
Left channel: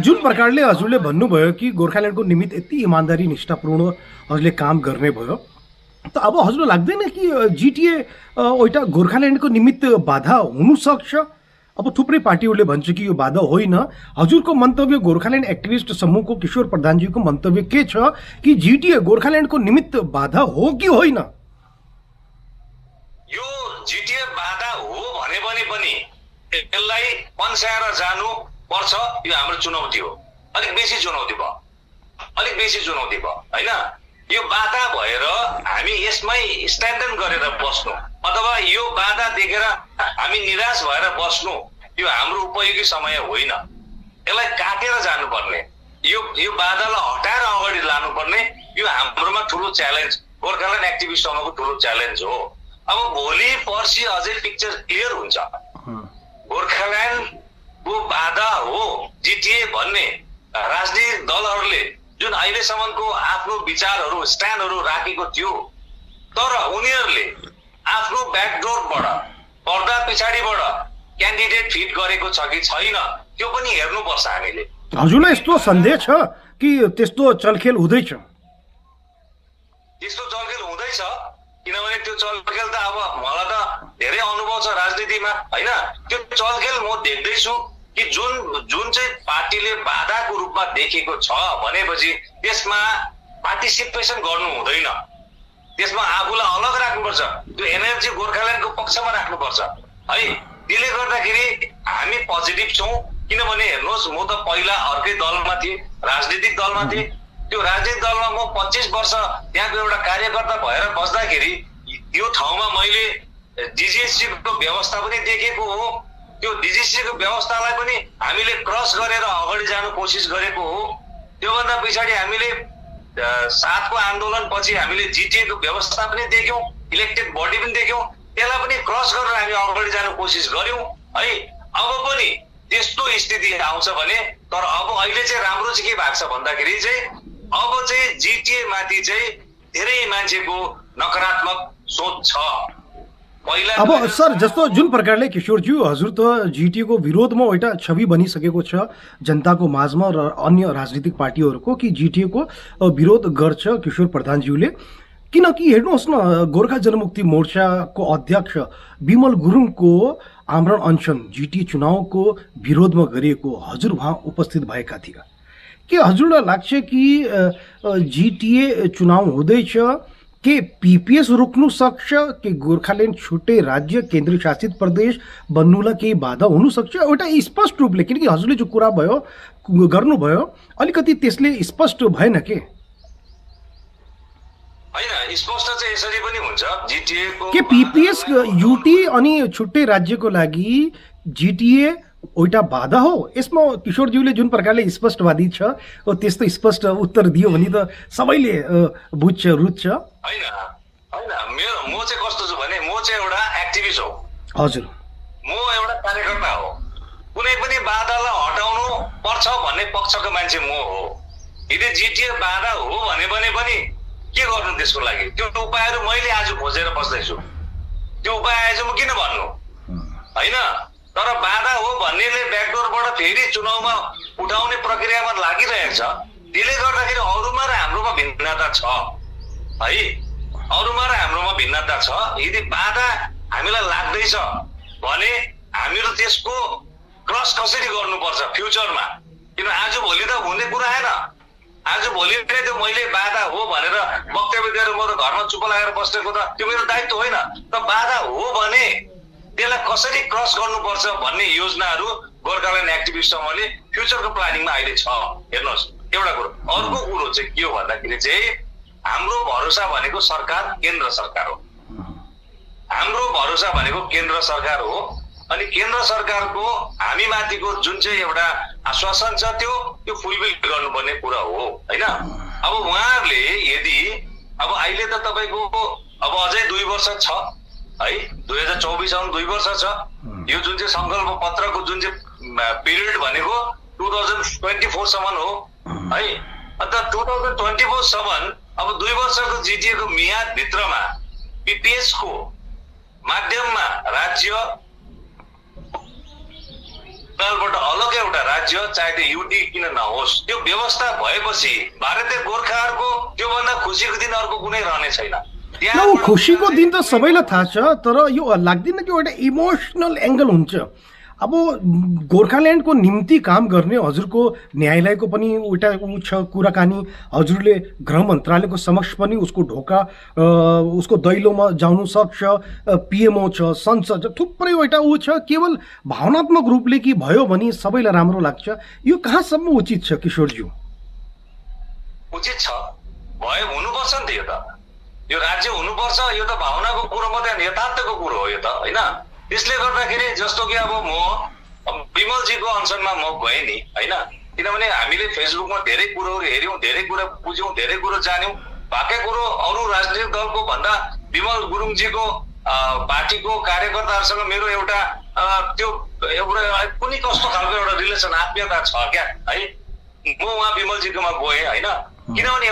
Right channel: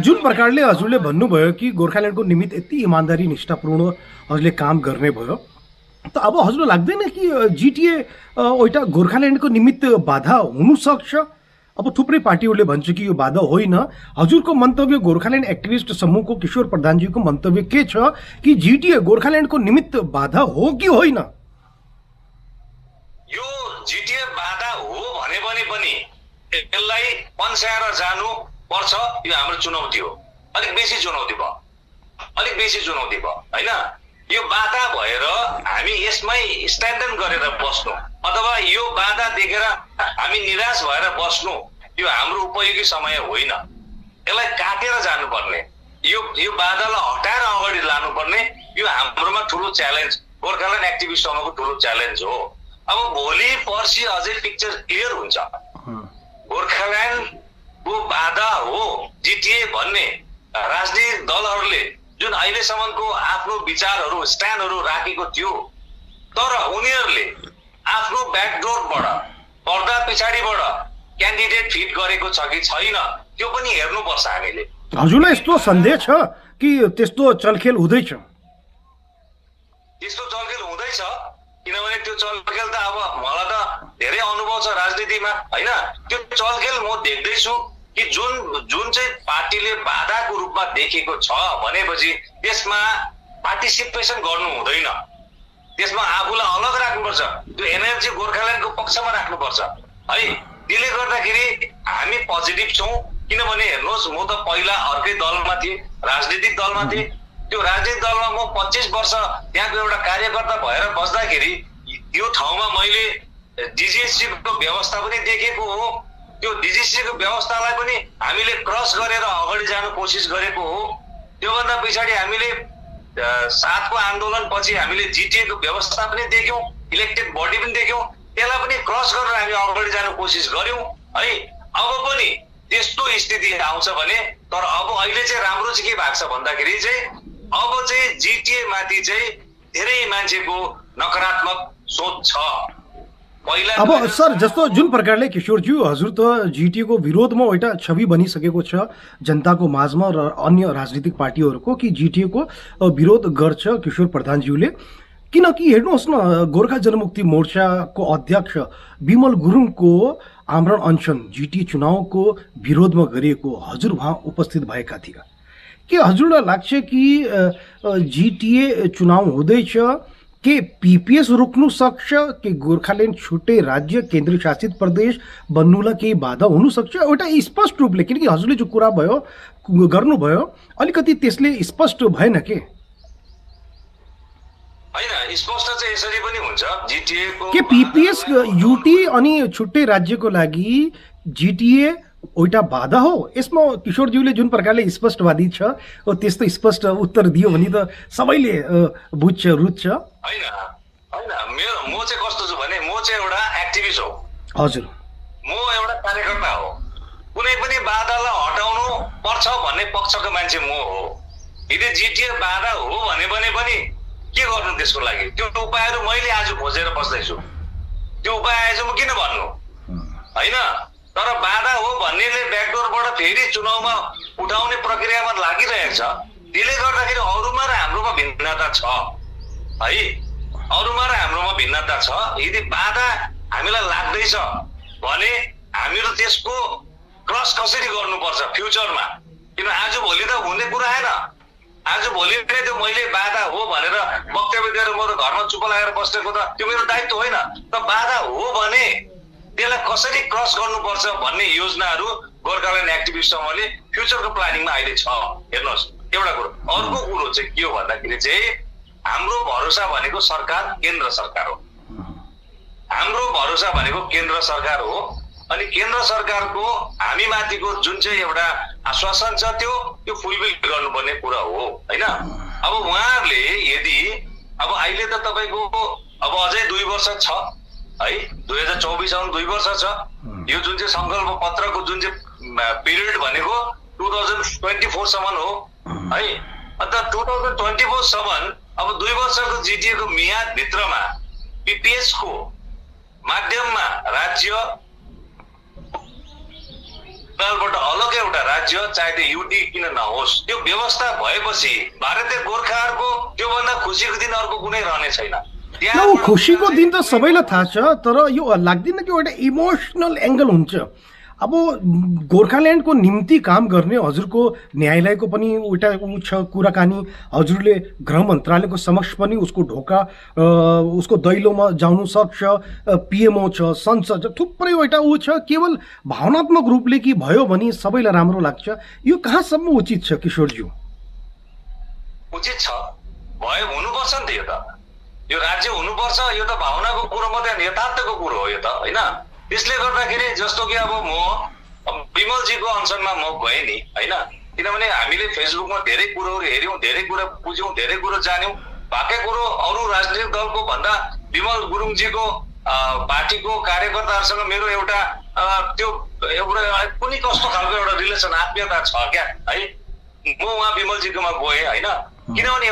जुन प्रकारले हजुरले भन्नुभयो कि गोर्खाल्यान्डको निमित्त यति इमान्दारी निष्ठापूर्ण हजुरले काम गर्ने भयो, त अब हजुरलाई लाग्दैन कि जिटिए एउटा गोर्खाल्यान्डको निमित्त बाधा हुनसक्छ? अब थुप्रै पार्टीहरूले भन्छ कि यो बाधा होइन। हजुरको मन्तव्य, गोर्खाल्यान्ड एक्टिभिस्ट समूहको किशोर प्रधानजीको मन्तव्य के छ कि जिटिए गोर्खाल्यान्डको निमित्त बाधा हो कि होइन? यो जिटिए बाधा हो भने पनि यसलाई पन्साएर जानु पर्छ। यो हाम्रो चुनौती हो, अलिक बेसी चुनौती भयो होइन। यो बाधा भएर हामी यसमै स्ट्यान्डर्ड गरेर बस्नु अथवा यो बाधा देखेर हामी निराश भएर बस्नु यो हाम्रो उपयोगी समय होइन। यसलाई काटेर जानुपर्ने, यो बाधालाई हटाएर अगाडि लानुपर्ने यो हाम्रोमा ठुलो च्यालेन्ज, गोर्खाल्यान्ड एक्टिभिस्ट समूहको ठुलो च्यालेन्ज हो। अब भोलि पर्सि अझै पिक्चर क्लियर हुन्छ। गोर्खाल्यान्डको बाधा हो जिटिए भन्ने राजनीतिक दलहरूले जुन अहिलेसम्मको आफ्नो विचारहरू स्ट्यान्डहरू राखेको थियो, तर उनीहरूले आफ्नो ब्याकडोरबाट पर्दा पछाडिबाट क्यान्डिडेट फिट गरेको छ कि छैन त्यो पनि हेर्नुपर्छ हामीले। हजुरलाई यस्तो सन्देह छ कि त्यस्तो चलखेल हुँदैछ? त्यस्तो चलखेल हुँदैछ किनभने त्यो चलखेल त अब मलाई त धेरै अनुभव छ राजनीतिमा होइन। त्यो चलखेल म देख्दैछु कि जुन चाहिँ पार्टीले बाधाको रूपमा देखेको छ भनेपछि त्यसमा पार्टिसिपेसन गर्नु हुँदैन, त्यसमा आफूलाई अलग राख्नुपर्छ, त्यो एनर्जी गोर्खाल्यान्डको पक्षमा राख्नुपर्छ है। त्यसले गर्दाखेरि हामी पोजिटिभ छौँ। किनभने हेर्नुहोस्, म त पहिला अर्कै दलमा थिएँ, राजनीतिक दलमा थिएँ। त्यो राजनीतिक दलमा म 25 वर्ष त्यहाँको एउटा कार्यकर्ता भएर बस्दाखेरि यो ठाउँमा मैले डिजिएससीको व्यवस्था पनि देखेको हो। त्यो डिजिएससीको व्यवस्थालाई पनि हामीले क्रस गरेर अगाडि जानु कोसिस गरेको हो। त्योभन्दा पछाडि हामीले 7को आन्दोलन पछि हामीले जिटिएको व्यवस्था पनि देख्यौँ, इलेक्टेड बडी पनि देख्यौँ। त्यसलाई पनि क्रस गरेर हामी अगाडि जानु कोसिस गर्यौँ है। अब पनि त्यस्तो स्थिति आउँछ भने, तर अब अहिले चाहिँ राम्रो चाहिँ के भएको छ भन्दाखेरि चाहिँ अब चाहिँ जिटिए माथि चाहिँ धेरै मान्छेको नकारात्मक सोच छ। अब सर, जस्तो जुन प्रकारले किशोरज्यू हजुर त जिटिएको विरोधमा एउटा छवि बनिसकेको छ जनताको माझमा र अन्य राजनीतिक पार्टीहरूको कि जिटिएको विरोध गर्छ किशोर प्रधानज्यूले। किनकि हेर्नुहोस् न, गोर्खा जनमुक्ति मोर्चाको अध्यक्ष विमल गुरुङको आमरण अनसन जिटिए चुनावको विरोधमा गरिएको हजुर वहाँ उपस्थित भएका थिए। के हजुरलाई लाग्छ कि जिटिए चुनाव हुँदैछ, के पीपीएस रोक्नु सक्छ, कि गोर्खाल्यान्ड छुट्टै राज्य केन्द्रीय शासित प्रदेश बन्नुलाई केही बाधा हुन सक्छ? एउटा स्पष्ट रूपले, किनकि हजुरले जो कुरा भयो गर्नुभयो अलिकति त्यसले स्पष्ट भएन के? हैन, स्पष्ट चाहिँ यसरी पनि हुन्छ जिटिएको के पीपीएस युटी अनि छुट्टै राज्यको लागि जिटिए एउटा बाधा हो? यसमा किशोरज्यूले जुन प्रकारले स्पष्टवादी छ त्यस्तो स्पष्ट उत्तर दियो भने त सबैले बुझ्छ रुच्छ। हैन म चाहिँ कस्तो छु भने म चाहिँ एउटा एक्टिभिस्ट हो। हजुर, म एउटा कार्यकर्ता हो। कुनै पनि बाधालाई हटाउनु पर्छ छ भन्ने पक्षको मान्छे म हो। यदि जिटिए बाधा हो भने पनि के गर्नु त्यसको लागि? त्यो उपायहरू मैले आज खोजेर बस्दैछु। त्यो उपाय आएछ म किन भन्नु होइन? तर बाधा हो भन्नेले ब्याकडोरबाट फेरि चुनावमा उठाउने प्रक्रियामा लागिरहेको छ। त्यसले गर्दाखेरि अरूमा र हाम्रोमा भिन्नता छ है, अरूमा र हाम्रोमा भिन्नता छ। यदि बाधा हामीलाई लाग्दैछ भने हामीहरू त्यसको क्रस कसरी गर्नुपर्छ फ्युचरमा? किन आज भोलि त हुने कुरा आएन। आज भोलि त्यो मैले बाधा हो भनेर वक्तव्य दिएर म त घरमा चुप लागेर बसेको त त्यो मेरो दायित्व होइन। त बाधा हो भने त्यसलाई कसरी क्रस गर्नुपर्छ भन्ने योजनाहरू गोर्खाल्यान्ड एक्टिभिस्ट समूहले फ्युचरको प्लानिङमा अहिले छ। हेर्नुहोस्, एउटा कुरो। अर्को कुरो चाहिँ के हो भन्दाखेरि चाहिँ हाम्रो भरोसा भनेको सरकार, केन्द्र सरकार हो। हाम्रो भरोसा भनेको केन्द्र सरकार हो। अनि केन्द्र सरकारको हामी माथिको जुन चाहिँ एउटा आश्वासन छ त्यो फुलफिल गर्नुपर्ने कुरा हो होइन? अब उहाँहरूले यदि अब अहिले त तपाईँको अब अझै 2 वर्ष छ है, 2024 आउनु 2 वर्ष छ। यो जुन चाहिँ संकल्प पत्रको जुन चाहिँ पिरियड भनेको 2024 सम्म हो है। अन्त 2024 सम्म अब 2 वर्षको जिटिएको मियाद भित्रमा पिपिएस को माध्यममा राज्य बाट अलग एउटा राज्य चाहे त्यो युटी किन नहोस् त्यो व्यवस्था भएपछि भारतीय गोर्खाहरूको त्योभन्दा खुसीको दिन अर्को कुनै रहने छैन। खुसीको दिन त सबैलाई थाहा छ, तर यो लाग्दैन कि एउटा इमोसनल एङ्गल हुन्छ। अब गोर्खाल्यान्डको निम्ति काम गर्ने हजुरको न्यायालयको पनि एउटा छ कुराकानी, हजुरले गृह मन्त्रालयको समक्ष पनि उसको ढोका उसको दैलोमा जानु सक्छ, पिएमओ छ, संसद छ, थुप्रै एउटा छ। केवल भावनात्मक रूपले कि भयो भने सबैलाई राम्रो लाग्छ, यो कहाँसम्म उचित छ किशोरज्यू? उचित छ, भयो, हुनुपर्छ नि त। यो राज्य हुनुपर्छ, यो त भावनाको कुरो मात्रै, यथार्थको कुरो हो यो त होइन? त्यसले गर्दाखेरि जस्तो कि अब म विमलजीको अनसनमा म गएँ नि होइन, किनभने हामीले फेसबुकमा धेरै कुरोहरू हेऱ्यौँ, धेरै कुरा बुझ्यौँ, धेरै कुरो जान्यौँ। बाँकी कुरो अरू राजनीतिक दलको भन्दा विमल गुरुङजीको पार्टीको कार्यकर्ताहरूसँग मेरो एउटा त्यो एउटा कुनै कस्तो खालको एउटा रिलेसन, आत्मीयता छ क्या है। म उहाँ विमलजीकोमा गएँ होइन, किनभने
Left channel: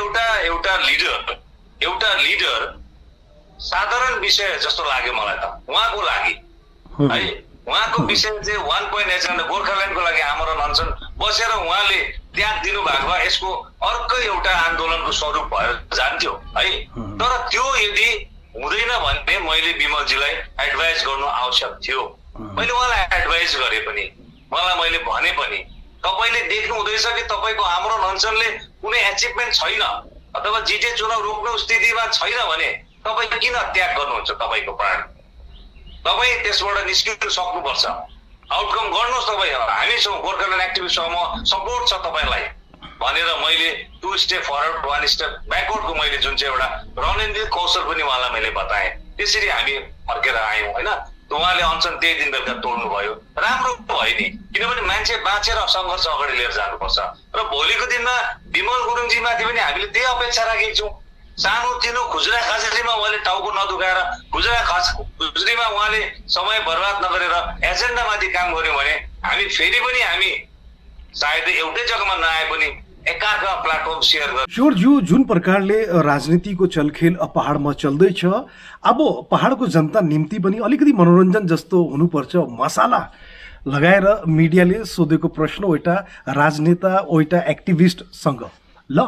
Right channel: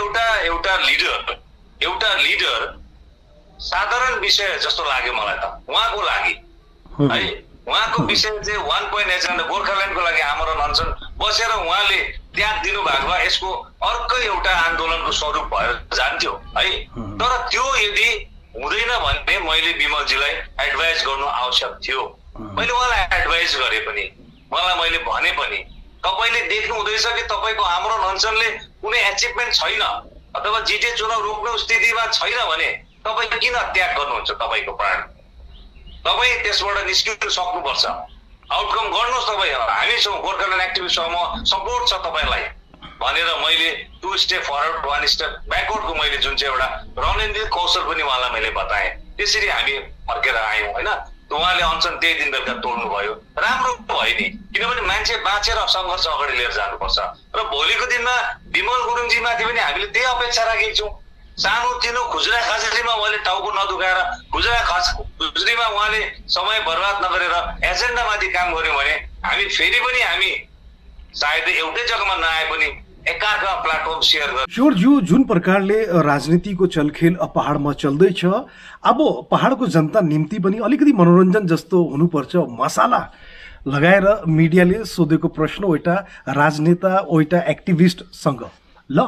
एउटा लिडर साधारण विषय जस्तो लाग्यो मलाई त उहाँको लागि है। उहाँको विषय चाहिँ 1.8 गोर्खाल्यान्डको लागि आमरण अनसन बसेर उहाँले त्याग दिनु भएको भए यसको अर्कै एउटा आन्दोलनको स्वरूप भएर जान्थ्यो है। तर त्यो यदि हुँदैन भने मैले विमलजीलाई एडभाइस गर्नु आवश्यक थियो। मैले उहाँलाई एडभाइस गरे पनि, मैले भने पनि तपाईँले देख्नु हुँदैछ कि तपाईँको आमरण अनसनले कुनै एचिभमेन्ट छैन अथवा जिटिए चुनाव रोक्ने स्थितिमा छैन भने तपाईँ किन त्याग गर्नुहुन्छ तपाईँको प्राण? तपाईँ त्यसबाट निस्किनु सक्नुपर्छ, आउटकम गर्नुहोस्। तपाईँ हामीसँग गोर्खाल्यान्ड एक्टिभिस्ट समूह सपोर्ट छ तपाईँलाई भनेर मैले 2 स्टेप फरवर्ड 1 स्टेप ब्याकवर्डको मैले जुन चाहिँ एउटा रणनीतिक कौशल पनि उहाँलाई मैले बताएँ। त्यसरी हामी फर्केर आयौँ होइन। उहाँले अनसन त्यही दिन बेलुका तोड्नु भयो, राम्रो भयो नि, किनभने मान्छे बाँचेर सङ्घर्ष अगाडि लिएर जानुपर्छ। र भोलिको दिनमा विमल गुरुङजीमाथि पनि हामीले त्यही अपेक्षा राखेको छौँ। सानोतिनो खुजुरा खाजुरीमा उहाँले टाउको नदुखाएर खुजुरा खुजुरीमा उहाँले समय बर्बाद नगरेर एजेन्डामाथि काम गर्यो भने हामी फेरि पनि हामी सायद एउटै जग्गामा नआए पनि एकार्का प्लेटफर्म सेयर गर्छ। किशोरज्यू, जुन प्रकारले राजनीतिको चलखेल पहाडमा चल्दैछ, अब पहाडको जनता निम्ति पनि अलिकति मनोरञ्जन जस्तो हुनुपर्छ। मसाला लगाएर मिडियाले सोधेको प्रश्न एउटा राजनेता एउटा एक्टिभिस्टसँग, ल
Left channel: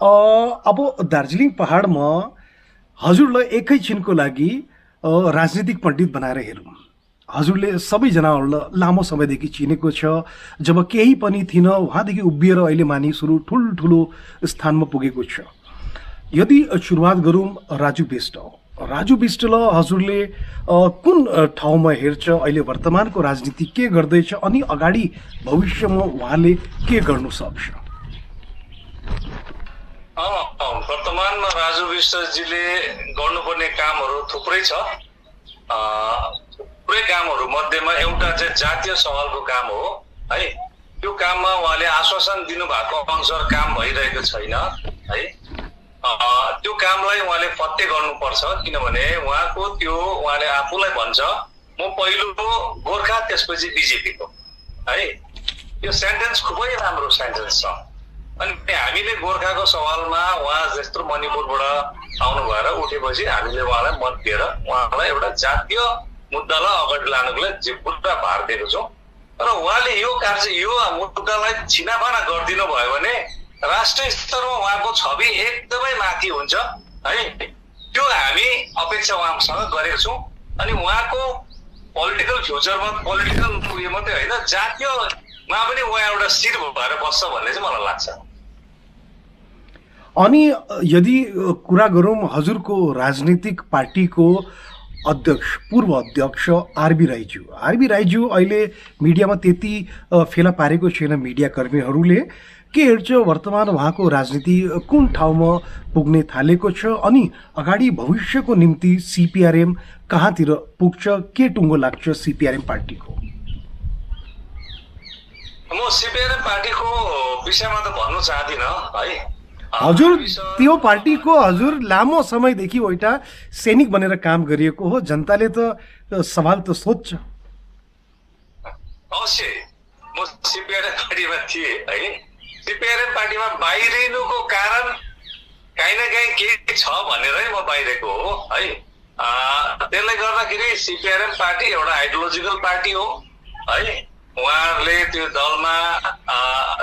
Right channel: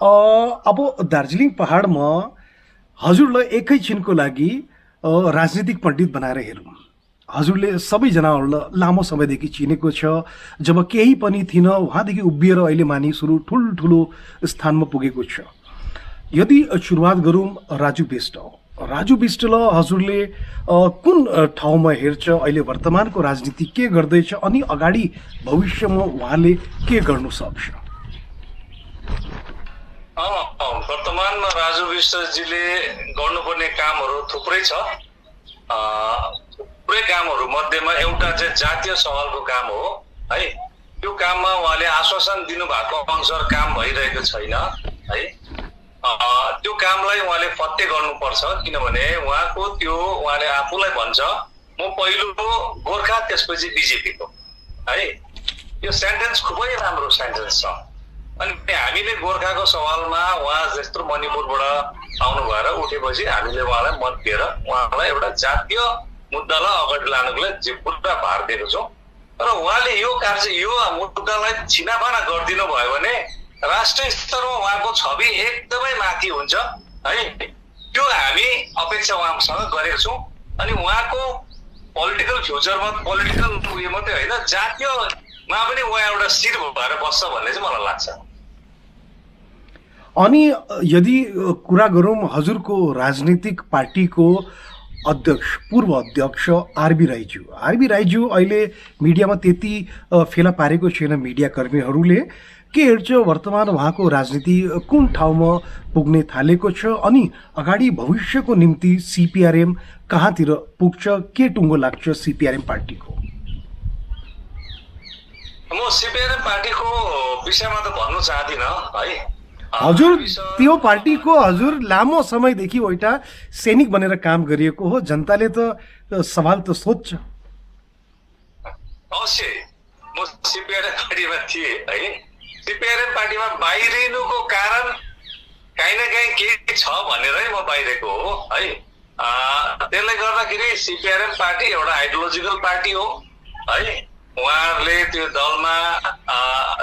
अब दार्जिलिङ पहाडमा हजुरलाई एकैछिनको लागि राजनीतिक पण्डित बनाएर हेरौँ। हजुरले सबैजनाहरूलाई लामो समयदेखि चिनेको छ, जब केही पनि थिएन उहाँदेखि उभिएर अहिले मानिसहरू ठुल्ठुलो स्थानमा पुगेको छ। यदि सुरुवात गरौँ राजु विष्टलाई हजुरले कुन ठाउँमा हेर्छ? अहिले वर्तमानको राजनीति के गर्दैछ अनि अगाडि भविष्यमा उहाँले के गर्नु सक्छ? वर्तमानमा राजु विष्टजीले गर्नुपर्ने कामहरू थुप्रै छ। थुप्रै कामहरू मध्येमा एउटा चाहिँ जातीय सवालको काम हो है। त्यो काममा उहाँले आश्वासन दिनुभएको अनुसार काम भइरहेको छैन है। त्यो कामलाई उहाँले फत्ते गर्नुपर्छ, किनभने उहाँले आफूलाई भन्छ म पहिलो गोर्खा त्यसपछि बिजेपीको है। यो सेन्टेन्स खुबै राम्रो सेन्टेन्स छ। अनि हामीले गोर्खाको सवालमा उहाँ जस्तो मणिपुरबाट आउनु भएर उठेपछि हामीले उहाँलाई मत दिएर उहाँलाई एउटा जातीय मुद्दालाई अगाडि लानुको लागि पुरा भार दिएको छौँ। र उहाँले यो कार्य यो मुद्दालाई छिनाफाना गरिदिनु भयो भने राष्ट्रिय स्तरमा उहाँको छवि एकदमै माथि हुन्छ है। त्यो हामी अपेक्षा उहाँसँग गरेको छौँ। अनि उहाँको पोलिटिकल फ्युचरमा पोलिटिकल उयो मात्रै होइन, जातीयमा पनि उहाँ एउटा शिर भएर बस्छ भन्ने चाहिँ मलाई लाग्छ। अनि यदि कुरा गरौँ हजुरको राजनीतिक पार्टीको अध्यक्ष पूर्व अध्यक्ष आरबी राईज्यू अहिले मिडियामा त्यति फेला पारेको छैन मिडियाकर्मीहरूले, के हेर्छ वर्तमान उहाँको राजनीति कुन ठाउँमा पुग्ने थालेको छ अनि अगाडि भविष्यको निम्ति सीपीआरएम कहाँतिर पुग्छ, के टुङ्गो लाग्छ सीपीआरएम पार्टीको? म सीपीआरएम पार्टीको विषयमा त भन्नु चाहदिनँ है। हजुर त्यो पार्टीको हजुर लामो समयदेखि एउटा सैनिक बनेर काम गरिएको हो, जनताले त सवाल त सोध्छ। अवश्य म सीपीआरएम पार्टीमा थिएँ है। सीपीआरएम पार्टीमा बाहिरिनुको कारण काहीँ न काहीँ के छ भनेरै म बाहिरेको हो है। त्यसले गर्दाखेरि सीपीआरएम पार्टी एउटा आइडियोलोजिकल पार्टी हो है। उहाँहरूले त्यो दलमा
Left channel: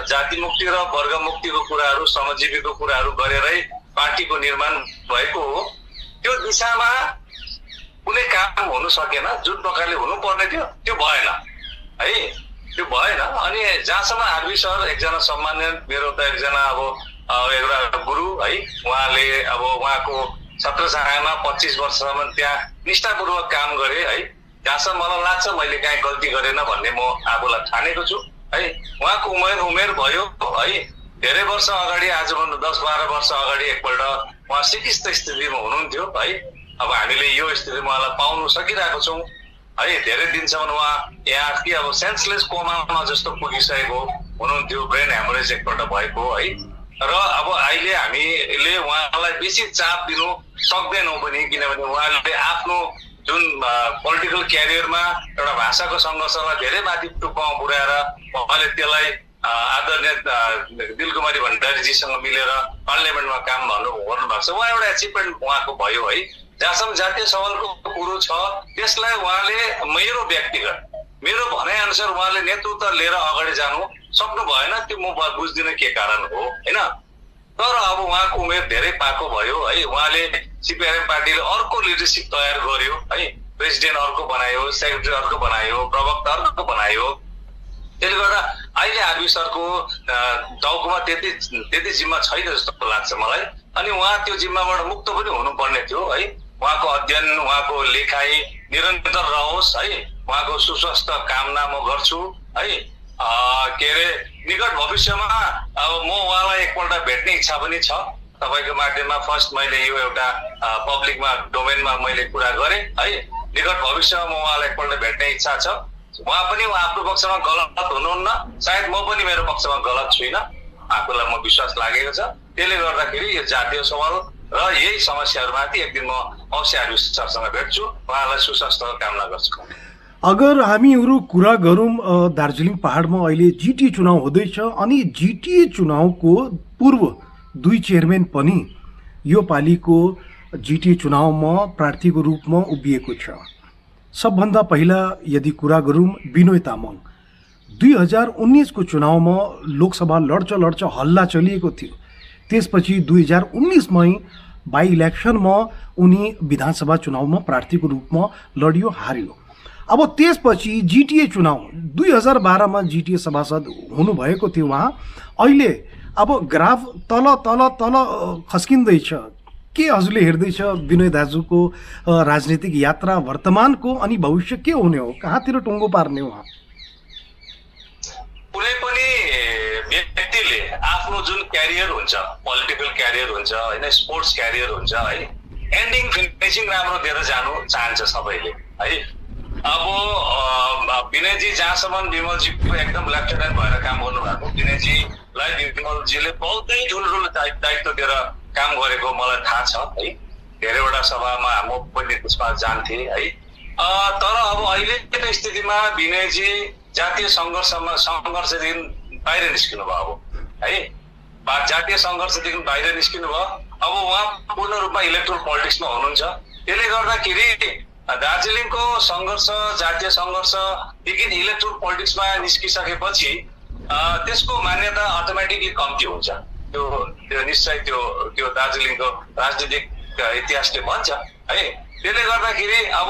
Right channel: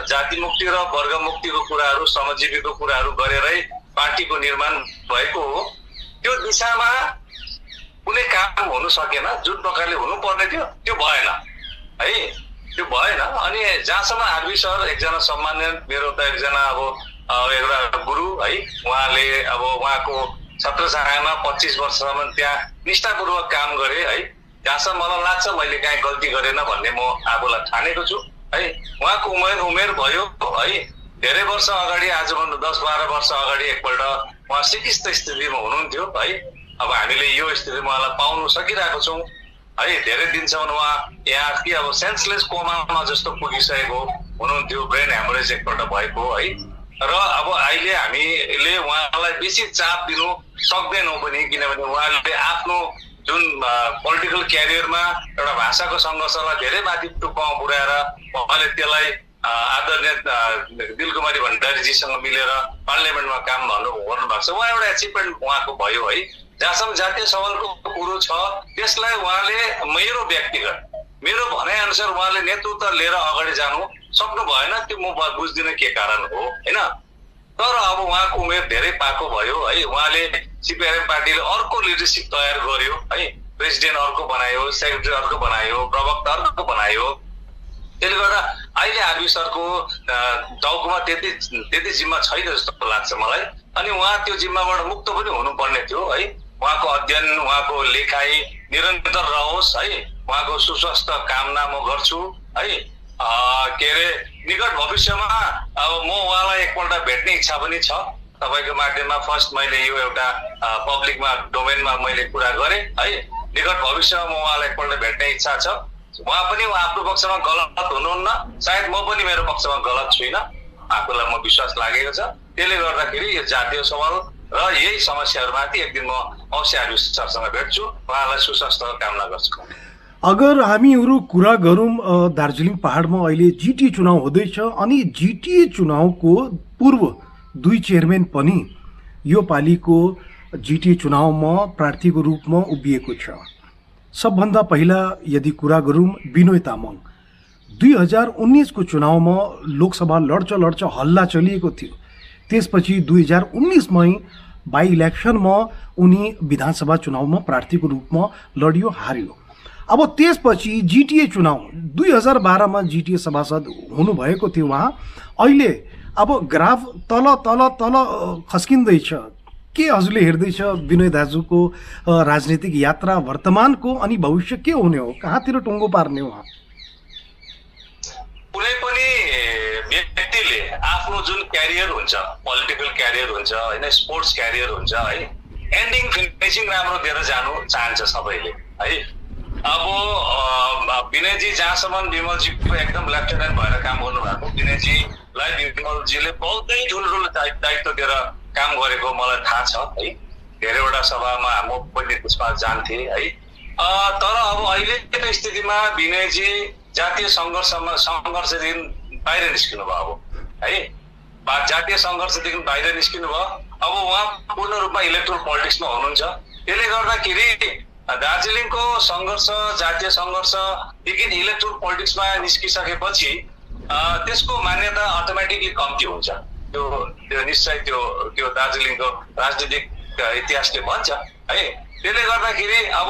जाति मुक्ति र वर्ग मुक्तिको कुराहरू श्रमजीवीको कुराहरू गरेरै पार्टीको निर्माण भएको हो। त्यो दिशामा कुनै काम हुनु सकेन, जुन प्रकारले हुनुपर्ने थियो त्यो भएन है, त्यो भएन। अनि जहाँसम्म आरबी सर एकजना सम्मान्य मेरो त एकजना अब एउटा गुरु है, उहाँले अब उहाँको छत्रछायामा 25 वर्षसम्म त्यहाँ निष्ठापूर्वक काम गरे है। जहाँसम्म मलाई लाग्छ मैले काहीँ गल्ती गरेन भन्ने म आफूलाई ठानेको छु है। उहाँको उमेर भयो है, धेरै वर्ष अगाडि आजभन्दा 10-12 वर्ष अगाडि एकपल्ट उहाँ सिकिस्त स्थितिमा हुनुहुन्थ्यो है। अब हामीले यो स्थितिमा उहाँलाई पाउनु सकिरहेको छौँ है। धेरै दिनसम्म उहाँ यहाँ कि अब सेन्सलेस कोमामा जस्तो पुगिसकेको हुनुहुन्थ्यो, ब्रेन ह्यामरेज एकपल्ट भएको है। र अब अहिले हामीले उहाँलाई बेसी चाप दिनु सक्दैनौँ पनि, किनभने उहाँले आफ्नो जुन पोलिटिकल क्यारियरमा एउटा भाषाको सङ्घर्षलाई धेरै माथि टुप्पामा पुर्याएर उहाँले त्यसलाई आदरणीय दिलकुमारी भण्डारीजीसँग मिलेर पार्लियामेन्टमा काम गर्नुभएको छ। उहाँ एउटा एचिभमेन्ट उहाँको भयो है। जहाँसम्म जातीय सवालको कुरो छ त्यसलाई उहाँले मेरो भनाइ अनुसार उहाँले नेतृत्व लिएर अगाडि जानु सक्नु भएन। त्यो म बुझ्दिनँ के कारण हो होइन। तर अब उहाँको उमेर धेरै पाएको भयो है। उहाँले सीपीआरएम पार्टीले अर्को लिडरसिप तयार गर्यो है। प्रेसिडेन्ट अर्को बनायो, सेक्रेटरी अर्को बनायो, प्रवक्ता अर्को बनायो। त्यसले गर्दा अहिले आरबी सरको टाउकोमा त्यति जिम्मा छैन जस्तो लाग्छ मलाई। अनि उहाँ त्यो जिम्माबाट मुक्त पनि हुनुपर्ने थियो है। उहाँको अध्ययन, उहाँको लेखाइ निरन्तर रहोस् है। उहाँको सुस्वास्थ्य कामना म गर्छु है। के अरे निकट भविष्यमा अब म उहाँलाई एकपल्ट भेट्ने इच्छा पनि छ तपाईँको माध्यममा। फर्स्ट मैले यो एउटा पब्लिकमा डोमेनमा मैले कुरा गरेँ है। निकट भविष्यमा म उहाँलाई एकपल्ट भेट्ने इच्छा छ। उहाँ पनि आफ्नो पक्षमा गलत हुनुहुन्न, सायद म पनि मेरो पक्षमा गलत छुइनँ, आफूलाई म विश्वास लागेको छ। त्यसले गर्दाखेरि यो जातीय सवाल र यही समस्याहरूमाथि एक दिन म अवश्य आरबी सरसँग भेट्छु, उहाँलाई सुस्वास्थ्य कामना गर्छु। अगर हामीहरू कुरा गरौँ दार्जिलिङ पहाडमा अहिले जिटिए चुनाव हुँदैछ अनि जिटिए चुनावको पूर्व 2 चेयरम्यान पनि यो पालिको जिटिए चुनावमा प्रार्थीको रूपमा उभिएको छ। सबभन्दा पहिला यदि कुरा गरौँ विनोय तामाङ 2019 को चुनावमा लोकसभा लड्छ हल्ला चलिएको थियो। त्यसपछि 2019 मै बाई इलेक्सनमा उनी विधानसभा चुनावमा प्रार्थीको रूपमा लडियो, हार्यो। अब त्यसपछि जिटिए चुनाव 2012 मा जिटिए सभासद हुनुभएको थियो उहाँ। अहिले अब ग्राफ तल तल तल खस्किँदैछ। के हजुरले हेर्दैछ विनोय दाजुको राजनीतिक यात्रा वर्तमानको अनि भविष्य के हुने हो, कहाँतिर टुङ्गो पार्ने हो? कुनै पनि व्यक्तिले आफ्नो जुन क्यारियर हुन्छ, पोलिटिकल क्यारियर हुन्छ होइन, स्पोर्ट्स क्यारियर हुन्छ है, एन्डिङ फिनिसिङ राम्रो दिएर जानु चाहन्छ सबैले है। अब विनयजी जहाँसम्म विमलजीको एकदम लेफ्टेनेन्ट भएर काम गर्नुभएको, विनयजीलाई विमलजीले बहुतै ठुलो दायित्व दिएर काम गरेको मलाई थाहा छ है। धेरैवटा सभामा म पनि त्यसमा जान्थेँ है। तर अब अहिलेको स्थितिमा विनयजी जातीय सङ्घर्षदेखि बाहिर निस्किनु भयो अब है, जातीय सङ्घर्षदेखि बाहिर निस्किनु भयो। अब उहाँ पूर्ण रूपमा इलेक्ट्रोल पोलिटिक्समा हुनुहुन्छ। त्यसले गर्दाखेरि दार्जिलिङको सङ्घर्ष, जातीय सङ्घर्षदेखि इलेक्ट्रोल पोलिटिक्समा निस्किसकेपछि त्यसको मान्यता अटोमेटिकली कम्ती हुन्छ। त्यो निश्चय त्यो दार्जिलिङको राजनीतिक इतिहासले भन्छ है। त्यसले गर्दाखेरि अब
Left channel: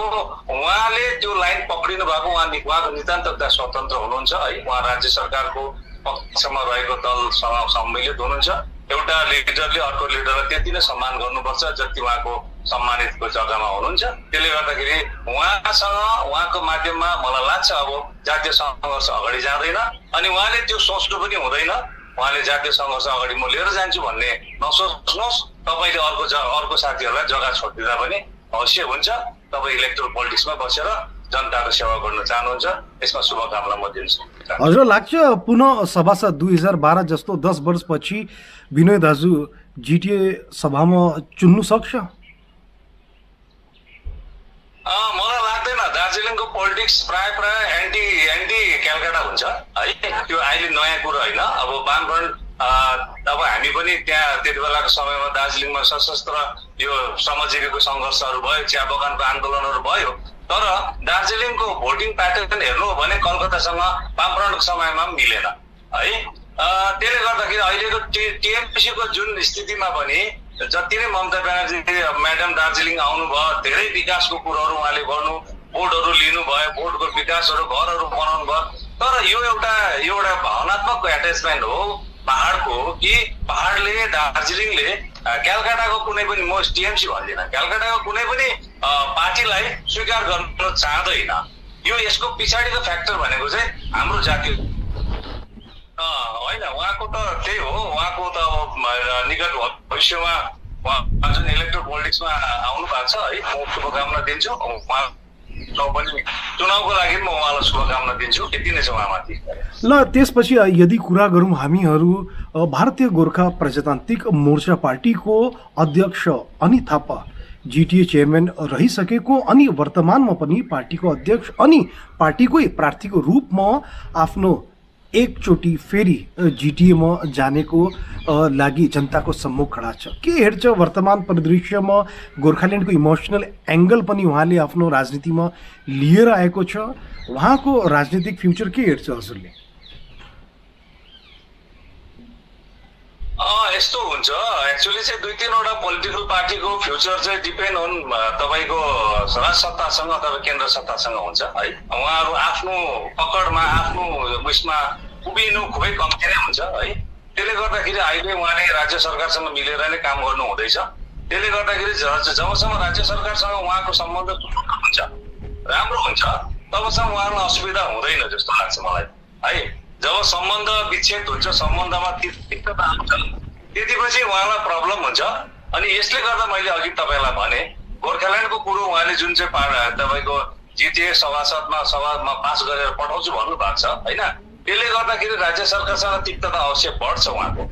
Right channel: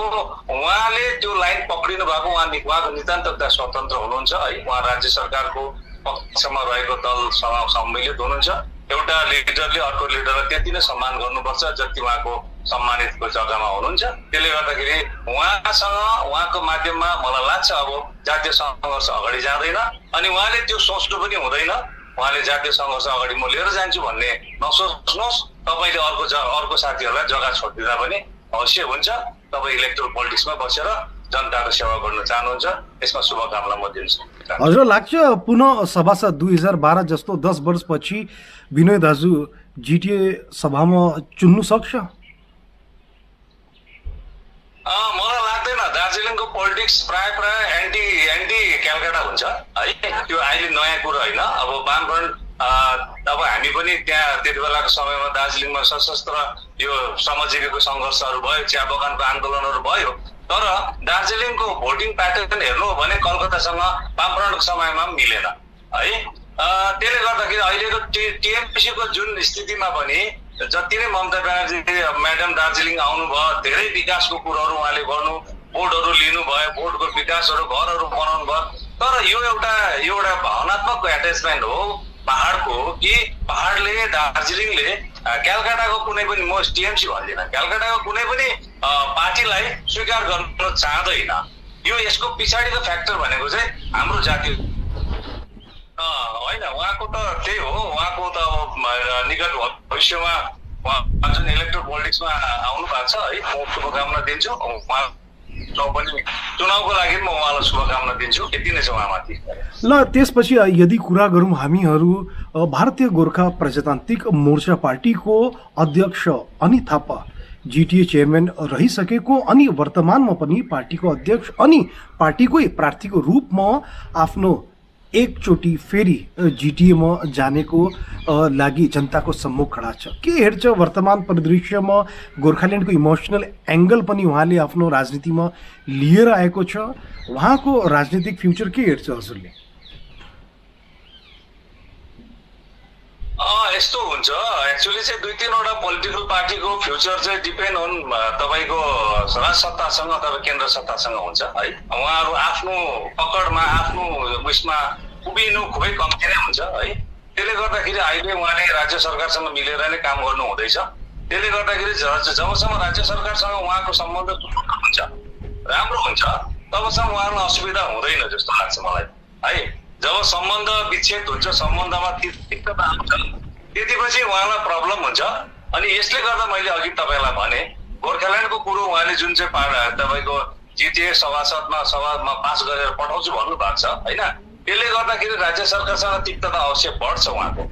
उहाँले त्यो लाइन पक्रिनु भएको, उहाँको नितान्त स्वतन्त्र हुनुहुन्छ है। उहाँ राज्य सरकारको पक्षमा रहेको दलसँग सम्मिलित हुनुहुन्छ। एउटा लिडरले अर्को लिडरलाई त्यति नै सम्मान गर्नुपर्छ जति उहाँको सम्मानितको जग्गामा हुनुहुन्छ। त्यसले गर्दाखेरि उहाँको माध्यममा मलाई लाग्छ अब जातीय सङ्घर्ष अगाडि जाँदैन, अनि उहाँले त्यो सोच्नु पनि हुँदैन। उहाँले जातीय सङ्घर्ष अगाडि म लिएर जान्छु भन्ने नसोच्नुहोस्। तपाईँले अर्को साथीहरूलाई जग्गा छोडिदिँदा पनि अवश्य हुन्छ। तपाईँ इलेक्ट्रोल पोलिटिक्समा बसेर जनताको सेवा गर्न चाहनुहुन्छ, यसमा शुभकामना म दिन्छु। हजुर लाग्छ पुनः सभासद 2012 जस्तो 10 वर्षपछि विनय दाजु जिटिए सभामा चुन्नु सक्छ? मलाई लाग्दैन। दार्जिलिङको पोलिटिक्स प्राय एन्टी क्यालकाटा हुन्छ है। त्यो अहिले नयाँ कुरो होइन। अब वामफ्रन्ट अब हामी पनि त्यहाँ त्यति बेलाको समयमा दार्जिलिङमा सशस्त्र यो श्रमजीवीको सङ्घर्षहरू भयो, चिया बगानको आन्दोलनहरू भयो। तर दार्जिलिङको भोटिङ प्याटर्न हेर्नु हो भने कलकत्तासँग वामफ्रन्टको समयमा पनि मिलेन है। त्यसले गर्दाखेरि अहिलेको टिएमसीको जुन स्थितिमा पनि जति नै ममता ब्यानर्जी म्याडम दार्जिलिङ आउनुभयो, धेरै विकासको कुरोहरू उहाँले गर्नु, बोर्डहरू लिनुभयो, बोर्डको विकासहरू, घरहरू बनाउनु भयो। तर यो एउटा भावनात्मक एट्याचमेन्ट हो पहाडको, कि पहाडले दार्जिलिङले क्यालकाटाको कुनै पनि, म टिएमसी भन्दिनँ, क्यालकाटाको कुनै पनि पार्टीलाई स्वीकार गर्न चाहँदैन। यसको पछाडिको फ्याक्टर भनेको चाहिँ हाम्रो जातीय होइन। उहाँको त त्यही हो। उहाँको त अब निकट भविष्यमा उहाँ जुन इलेक्ट्रोल पोलिटिक्समा आउनु भएको छ है, म शुभकामना दिन्छु। चुनावको लागि म उहाँलाई शुभकामना दिन्छु। यति नै छ उहाँमाथि। ल त्यसपछि यदि कुरा गरौँ हामीहरू भारतीय गोर्खा प्रजातान्त्रिक मोर्चा पार्टीको अध्यक्ष अनित थापा जिटिए चेयरम्यान रहिसकेको, अनि वर्तमानमा पनि पार्टीको अध्यक्ष अनि पार्टीकै प्रार्थीको रूपमा आफ्नो एकचोटि फेरि जिटिएमा जानेको लागि जनताको सम्मुख खडा छ। के हेर्छ वर्तमान परिदृश्यमा गोर्खाल्यान्डको इमोसनल एङ्गल पनि उहाँले आफ्नो राजनीतिमा लिएर आएको छ। उहाँको राजनीतिक फ्युचर के हेर्छ हजुरले? यस्तो हुन्छ एक्चुअली चाहिँ 2-3वटा पोलिटिकल पार्टीको फ्युचर चाहिँ डिपेन्ड अन तपाईँको राज सत्तासँग अथवा केन्द्र सत्तासँग हुन्छ है। उहाँहरू आफ्नो पकडमा आफ्नो उयसमा उभिनु खुबै कम्ती नै हुन्छ है। त्यसले गर्दाखेरि अहिले उहाँले राज्य सरकारसँग मिलेर नै काम गर्नु हुँदैछ। त्यसले गर्दाखेरि जबसम्म राज्य सरकारसँग उहाँको सम्बन्ध हुन्छ, राम्रो हुन्छ, तबसम्म उहाँहरूलाई असुविधा हुँदैन जस्तो लाग्छ मलाई है। जब सम्बन्ध विच्छेद हुन्छ, सम्बन्धमा तिक्तता आउँछ, त्यतिपछि उहाँलाई प्रब्लम हुन्छ। अनि यसले गर्दा मैले अघि तपाईँलाई भने गोर्खाल्यान्डको कुरो उहाँले जुन चाहिँ तपाईँको जिटिए सभामा पास गरेर पठाउँछु भन्नुभएको छ होइन। त्यसले गर्दाखेरि राज्य सरकारसँग तिक्तता अवश्य बढ्छ उहाँको।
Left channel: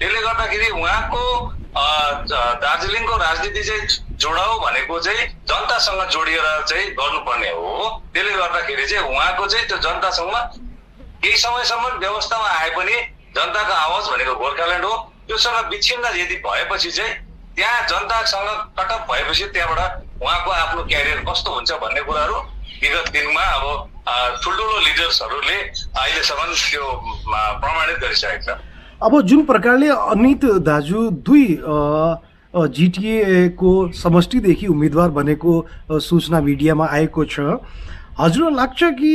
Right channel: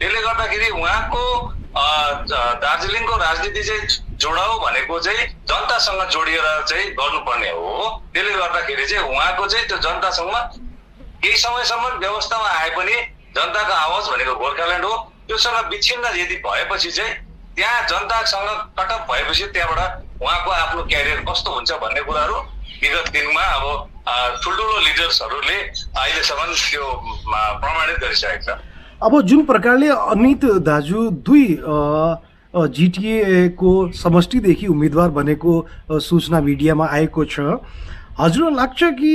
त्यसले गर्दाखेरि उहाँको दार्जिलिङको राजनीति चाहिँ जोडाउ भनेको चाहिँ जनतासँग जोडिएर चाहिँ गर्नुपर्ने हो। त्यसले गर्दाखेरि चाहिँ उहाँको चाहिँ त्यो जनतासँग केही समयसम्म व्यवस्थामा आए पनि जनताको आवाज भनेको गोर्खाल्यान्ड हो। त्योसँग विच्छिन्न यदि भएपछि चाहिँ त्यहाँ जनतासँग कटअप भएपछि त्यहाँबाट उहाँको आफ्नो क्यारियर कस्तो हुन्छ भन्ने कुराहरू विगत दिनमा अब ठुल्ठुलो लिडर्सहरूले अहिलेसम्म त्यो प्रमाणित गरिसकेको छ। अब जुन प्रकारले अनित दाजु दुई जिटिएको समष्टिदेखि उम्मेदवार बनेको सूचना मिडियामा आएको छ, हजुरलाई लाग्छ कि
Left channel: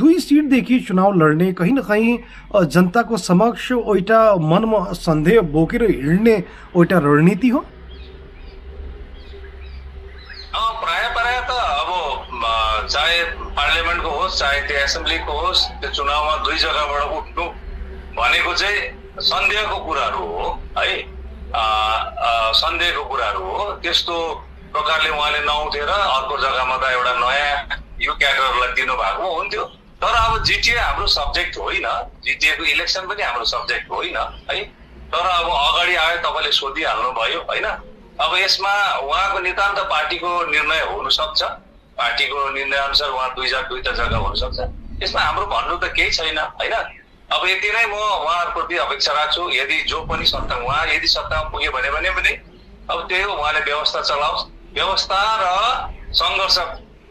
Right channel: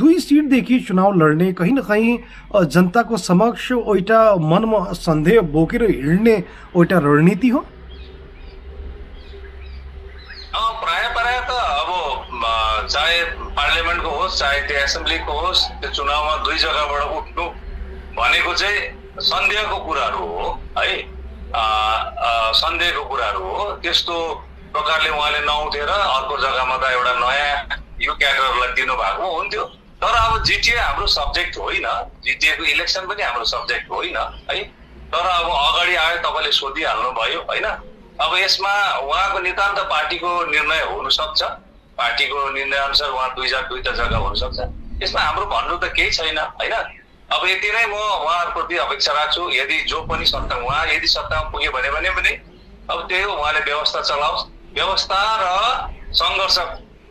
2 सिटदेखि चुनाव लड्ने कहीँ न कहीँ जनताको समक्ष एउटा मनमा सन्देह बोकेर हिँड्ने एउटा रणनीति हो? प्राय त अब चाहे पार्लियामेन्टको होस् चाहे त्यो एसेम्ब्लीको होस्, त्यो चुनावमा 2 जग्गाबाट उठ्नु भनेको चाहिँ सन्देहको कुराहरू हो है। सन्देहको कुराहरू हो। त्यस्तो प्रकारले उहाँले नउठेर अर्को जग्गामा त एउटा नयाँ यो क्याडरलाई दिनु भएको हुन्थ्यो। तर अब जिटिए हाम्रो सब्जेक्ट होइन, जिटिएको इलेक्सन पनि हाम्रो सब्जेक्ट होइन है। तर अब अगाडि आयो तपाईँले सोधिहाल्नु भयो होइन। अब यसमा उहाँको नितान्त पार्टीको निर्णय हुन सक्छ। पार्टीको निर्णय अनुसार उहाँ दुईटा जग्गा हुनसक्छ। यसमा हाम्रो भन्नु त केही छैन होइन। अब यति नै म उहाँहरूप्रति अपेक्षा राख्छु। यदि जो पनि यदि सत्तामा पुग्यो भने पनि अब त्यही हो, उहाँले व्यवस्था चलाओस्। व्यवस्था र सङ्घर्ष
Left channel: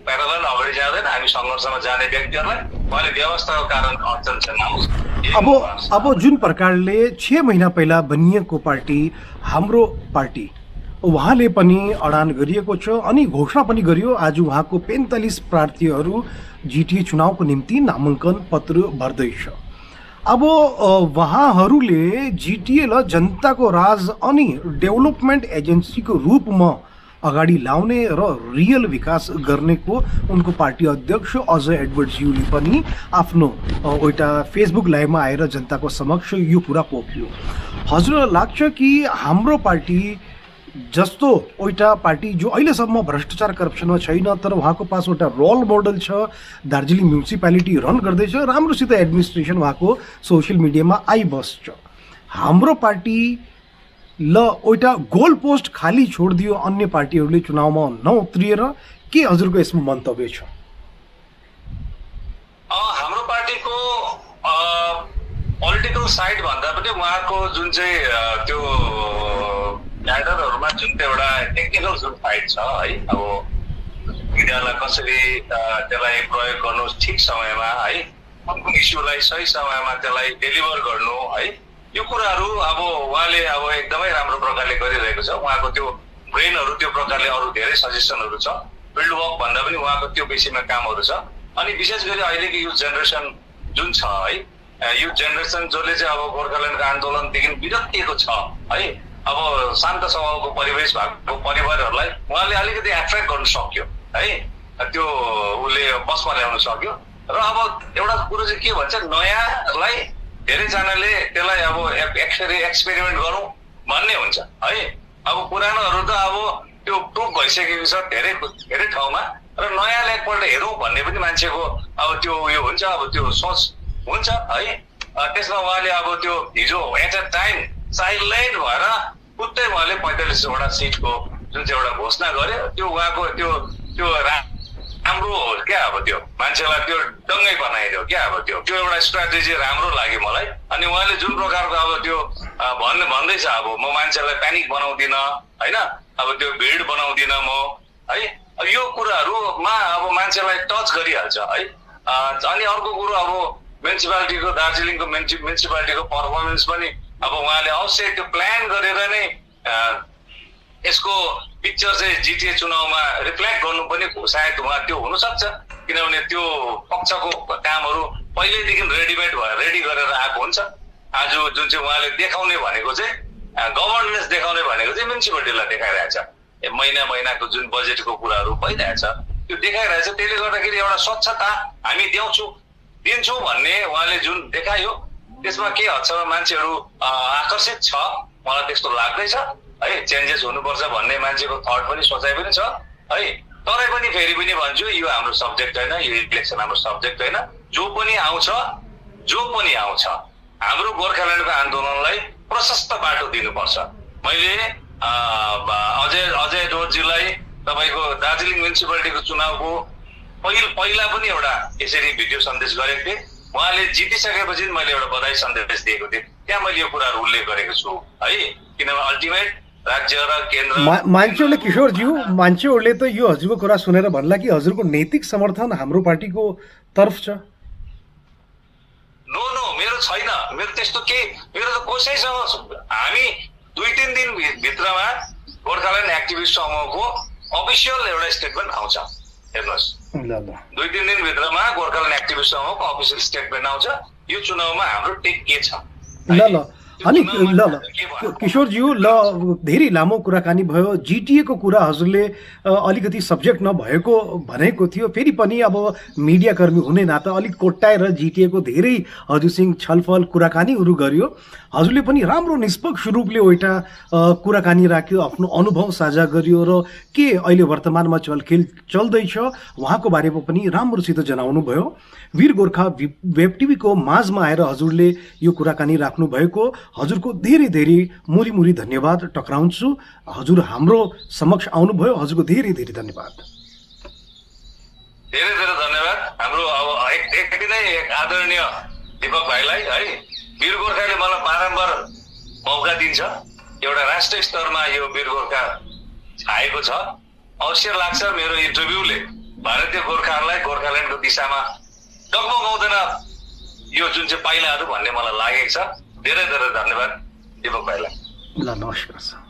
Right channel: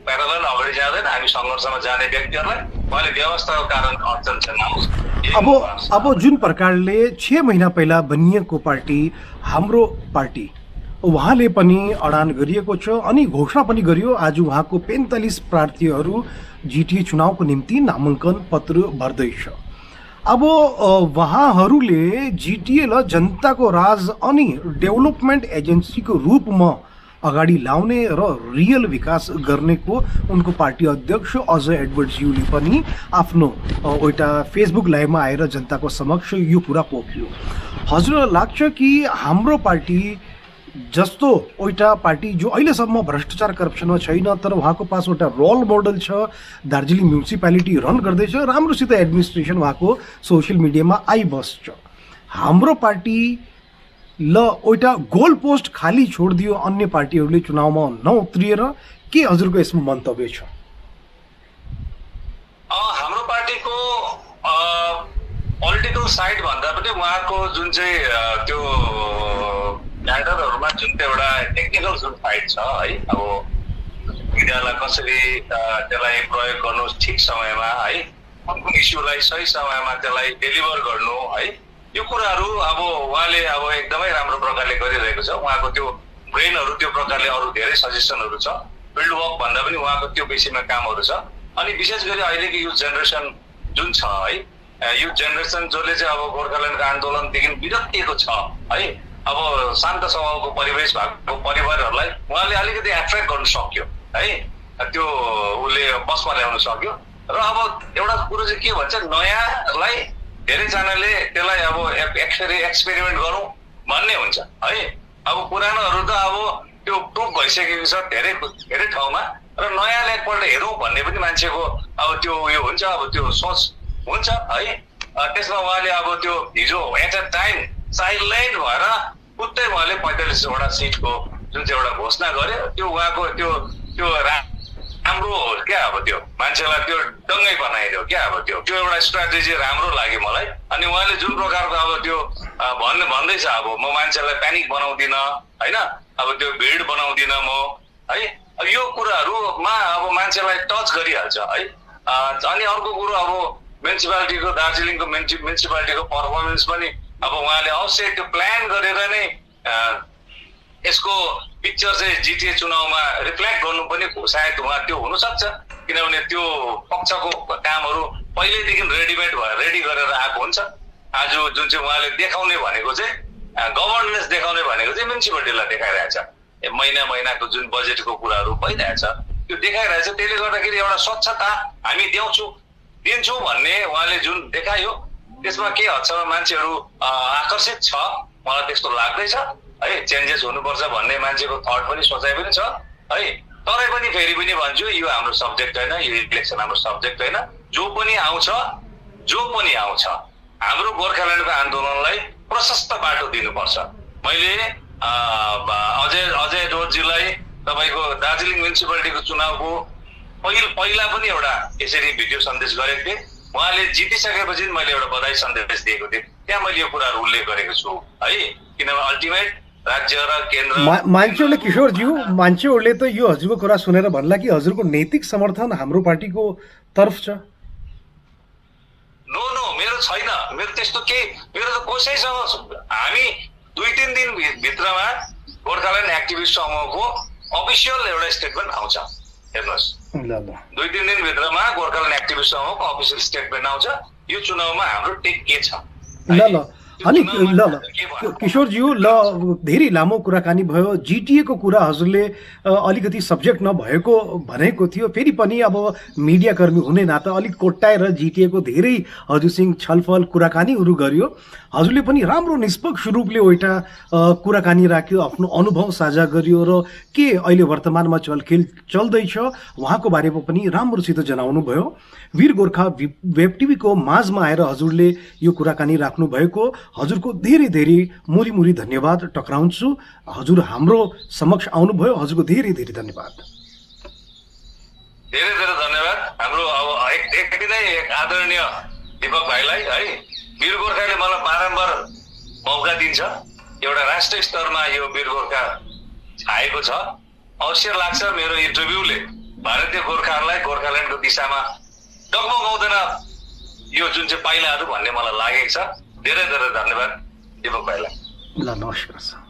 प्यारलल अगाडि जाँदैन। हामी सङ्घर्षमा जाने व्यक्तिहरूलाई उहाँले व्यवस्थाको कारण अडचन छैन। अब जुन प्रकारले 6 महिना पहिला बनिएको पार्टी हाम्रो पार्टी, उहाँले पनि अडान गरिएको छ अनि घोषणा पनि गरियो। आज उहाँको 45 प्रार्थीहरू जिटिए चुनावको निम्ति नामाङ्कन पत्र भर्दैछ। अब उहाँहरूले जिटिएलाई जनताको राज अनि डेभलपमेन्ट एजेन्सीको रूपमा अगाडि लाउने र रियल विकास गर्नेको उनको पार्टी अध्यक्ष अजय एडवर्डज्यूले पनि आफ्नो एउटा फेसबुक लाइभमा आएर जनताको समक्ष यो कुरा पोख्यो। हजुरलाई लाग्छ कि हाम्रो पार्टी जस्तो एउटा पार्टी जो अहिलेसम्म भ्रष्टाचार करप्सनमा छैन तर उहाँको पास एउटा रोल मोडल छ, दार्जिलिङ म्युनिसिपालिटी रन गर्दैछ, राम्रोसित एडमिनिस्ट्रेसन उहाँको सोसियल मिडियामा आइबस्छ, हाम्रो पार्टी ल एउटा गोल पोस्ट खाली छोडिदियो अन्य पार्टीहरूले चुनावमा नउत्रिएर, के हजुरको यसमा मन्तव्य छ? हाम्रो पार्टीको पोलिटिकल साइड भन्दा पनि उहाँको जुन चाहिँ त्यो क्याडरहरूमा जुन एउटा टेक्निकल जुन फाइट छ है, अब मिडियालाई कसरी त्यसलाई प्रयोग गर्नु ठिक समयमा है, कुन इस्युलाई सही समयमा त्यसलाई डेलिभर गर्नु है, यो कुराहरू अब उहाँले अब एकदमै राम्रो प्रकारले गरिरहेको छ। उहाँको त्यो ब्रेनहरू त्यो प्रकारले अरू धेरै सजेसनहरू छ। फिल्ड वर्क भन्दा पनि उहाँको त्यो विषयमा कामहरू छ। अनि विशेष गरी अहिलेको युथ जेनेरेसन जुन छ है, युथ जेनेरेसन जसले चाहिँ अब गोर्खाल्यान्डको आन्दोलनदेखि विरक्तिएको छ है, अब शान्त स्वभावको परिवेश भएको परिवारहरूलाई उहाँले अलिकति एट्र्याक्ट गर्नु सक्यो है, त्यो उसले बसमा ल्याउन सक्यो। र अब एउटा कुरो चाहिँ के भन्छ, नयाँलाई धेरैजनाले त्यसलाई अब एक्सपेरिमेन्ट गरौँ भन्ने हुन्छ है। अब पुरानोहरू त अब त्यो प्रुभ भइसकेको छ धेरै ठाउँमा, र नयाँलाई एकपल्ट हेरौँ भन्ने पनि मान्छेको अब त्यो उयो हुन्छ, अब त्यो सोच हुन्छ है। त्यसमा उहाँले अब त्यो हिजो एट अ टाइम साइडलाइन भएर पुत्तै उहाँले 45वटा सिटको जुन चाहिँ एउटा घोषणा गर्यो, त्यो उहाँको त्यो राम्रो क्या, अब त्यो मान्छेलाई त्यो दङ्गै बनाइदियो क्या। अब त्यो एउटा स्ट्राटेजी राम्रो लाग्यो मलाई। अनि उहाँले जुन प्रकारको अब त्यो भन्दैछ, अब म मान्छेलाई प्यानिक बनाउँदिनँ होइन, अब त्यो भिड बनाउँदिनँ म है, यो कुराहरूमा अब मान्छेलाई टच गरिहाल्छ है। अनि अर्को कुरो, अब म्युनिसिपालिटीको दार्जिलिङको म्युनिसिपालिटीको पर्फर्मेन्स पनि अब उहाँले अवश्य त्यो प्लान गरेर नै यसको पिक्चर चाहिँ जिटिए चुनावमा रिफ्लेक्ट गर्नु पनि सायद उहाँ त्यो हुनसक्छ, किनभने त्यो पक्षको कामहरू पहिल्यैदेखि रेडी गरेर आएको हुन्छ। आज जुन चाहिँ उहाँले देखाउने भनेको चाहिँ गभर्नेन्स देखाउने भनेको चाहिँ म्युनिसिपालिटीलाई देखाइरहेछ। महिनाको जुन बजेटको कुराहरू भइरहेछ त्यो देखाइरहेछ। त्यसले गर्दाखेरि एउटा स्वच्छता हामी दिन्छौँ भन्ने उहाँले जुन देखायो, त्यसमा के हदसम्म मान्छेहरू आकर्षित छ मलाई त्यस्तो लाग्दैछ है। चेन्जेस हुनुपर्छ भन्ने मान्छेको थट पनि सोचाइ पनि छ है। तरै पनि फेरि पनि भन्छु, यो हाम्रो सब्जेक्ट होइन, यो इलेक्सन हाम्रो सब्जेक्ट होइन। जो पनि आउँछ हाम्रो गोर्खाल्यान्डको आन्दोलनलाई प्रशस्त बाटो दिनुपर्छ। मैले अजय एडवर्डज्यूलाई तपाईँको दार्जिलिङ म्युनिसिपालिटीको चुनावको पहिला पनि एउटा यसरी भिडियो सन्देश गरेको थिएँ। उहाँले जितिसकेपछि मैले एउटा बधाई सन्देश दिएको थिएँ, त्यहाँ मैले यो कुराहरू उल्लेख गरेको छु है। किनभने अल्टिमेट राज्य र केन्द्र मान्छेहरूले, किशोरज्यू, मान्छेहरूले त यो हजुरको कुरा सुनेर भन्ला कि हजुरको नैतिक समर्थन हाम्रो पार्टीको तर्फ छ। नो, मेरो छैन। मेरो त्यस्तो केही, मेरो त कसैसँग हामी 2-3 दिन भित्रमा गोर्खाल्यान्ड एक्टिभिस्ट समूहको अफिसियल एउटा स्टेटमेन्ट आउँछ। हेर्नुहोस्, 2-3 दिन भित्रमा गोर्खाल्यान्ड एक्टिभिस्ट समूहको अफिसियल स्टेटमेन्ट आउँछ। यो चुनावमा हाम्रो टेक के छ। अनि किशोरज्यू, धेरै लामो कुराकानी भयो। जिटिएको कुरा हजुरले अलिकति सब्जेक्ट नभएको भनेको थियो, फेरि पनि अब मिडियाकर्मी हुने नाता अलिक कोट्टाएर जिटिएको धेरै हजुरसँग छलफल कुराकानीहरू गर्यो। हजुरले पनि राम्रो निष्पक्ष रूपले एउटा कुराकानी राख्यो, आफ्नो अनुभव साझा गरियो र के अहिले वर्तमानमा चलखेल चल्दैछ उहाँको बारेमा पनि राम्रोसित जनाउनु भयो। वीर गोर्खा वेब टिभीको माझमा आएर हजुरले यो कुराकानी राख्नु भएको हजुरको धेरै धेरै मुरी धन्यवाद टक्राउँछु। हजुर हाम्रो समक्ष आउनुभयो, हजुरको धेरै धेरै धन्यवाद। धेरै धेरै धन्यवाद हाम्रो अब एक दिनै आदरणीय दीपक भाइलाई है वीर गोर्खाले मलाई बारम्बार मौका दिन्छ एउटा राष्ट्रिय स्तरमा यो वीर गोर्खा छाएको छ अवश्य लाग्छ मेरो इन्टरभ्यूले भारतीय गोर्खाहरूलाई गोर्खाल्यान्डको दिशामा डगमगाउँदैन यो जुन चाहिँ पाइलाहरू भन्ने मलाई लागेको छ धेरै धेरै धन्यवाद दीपक भाइलाई ल नमस्कार सर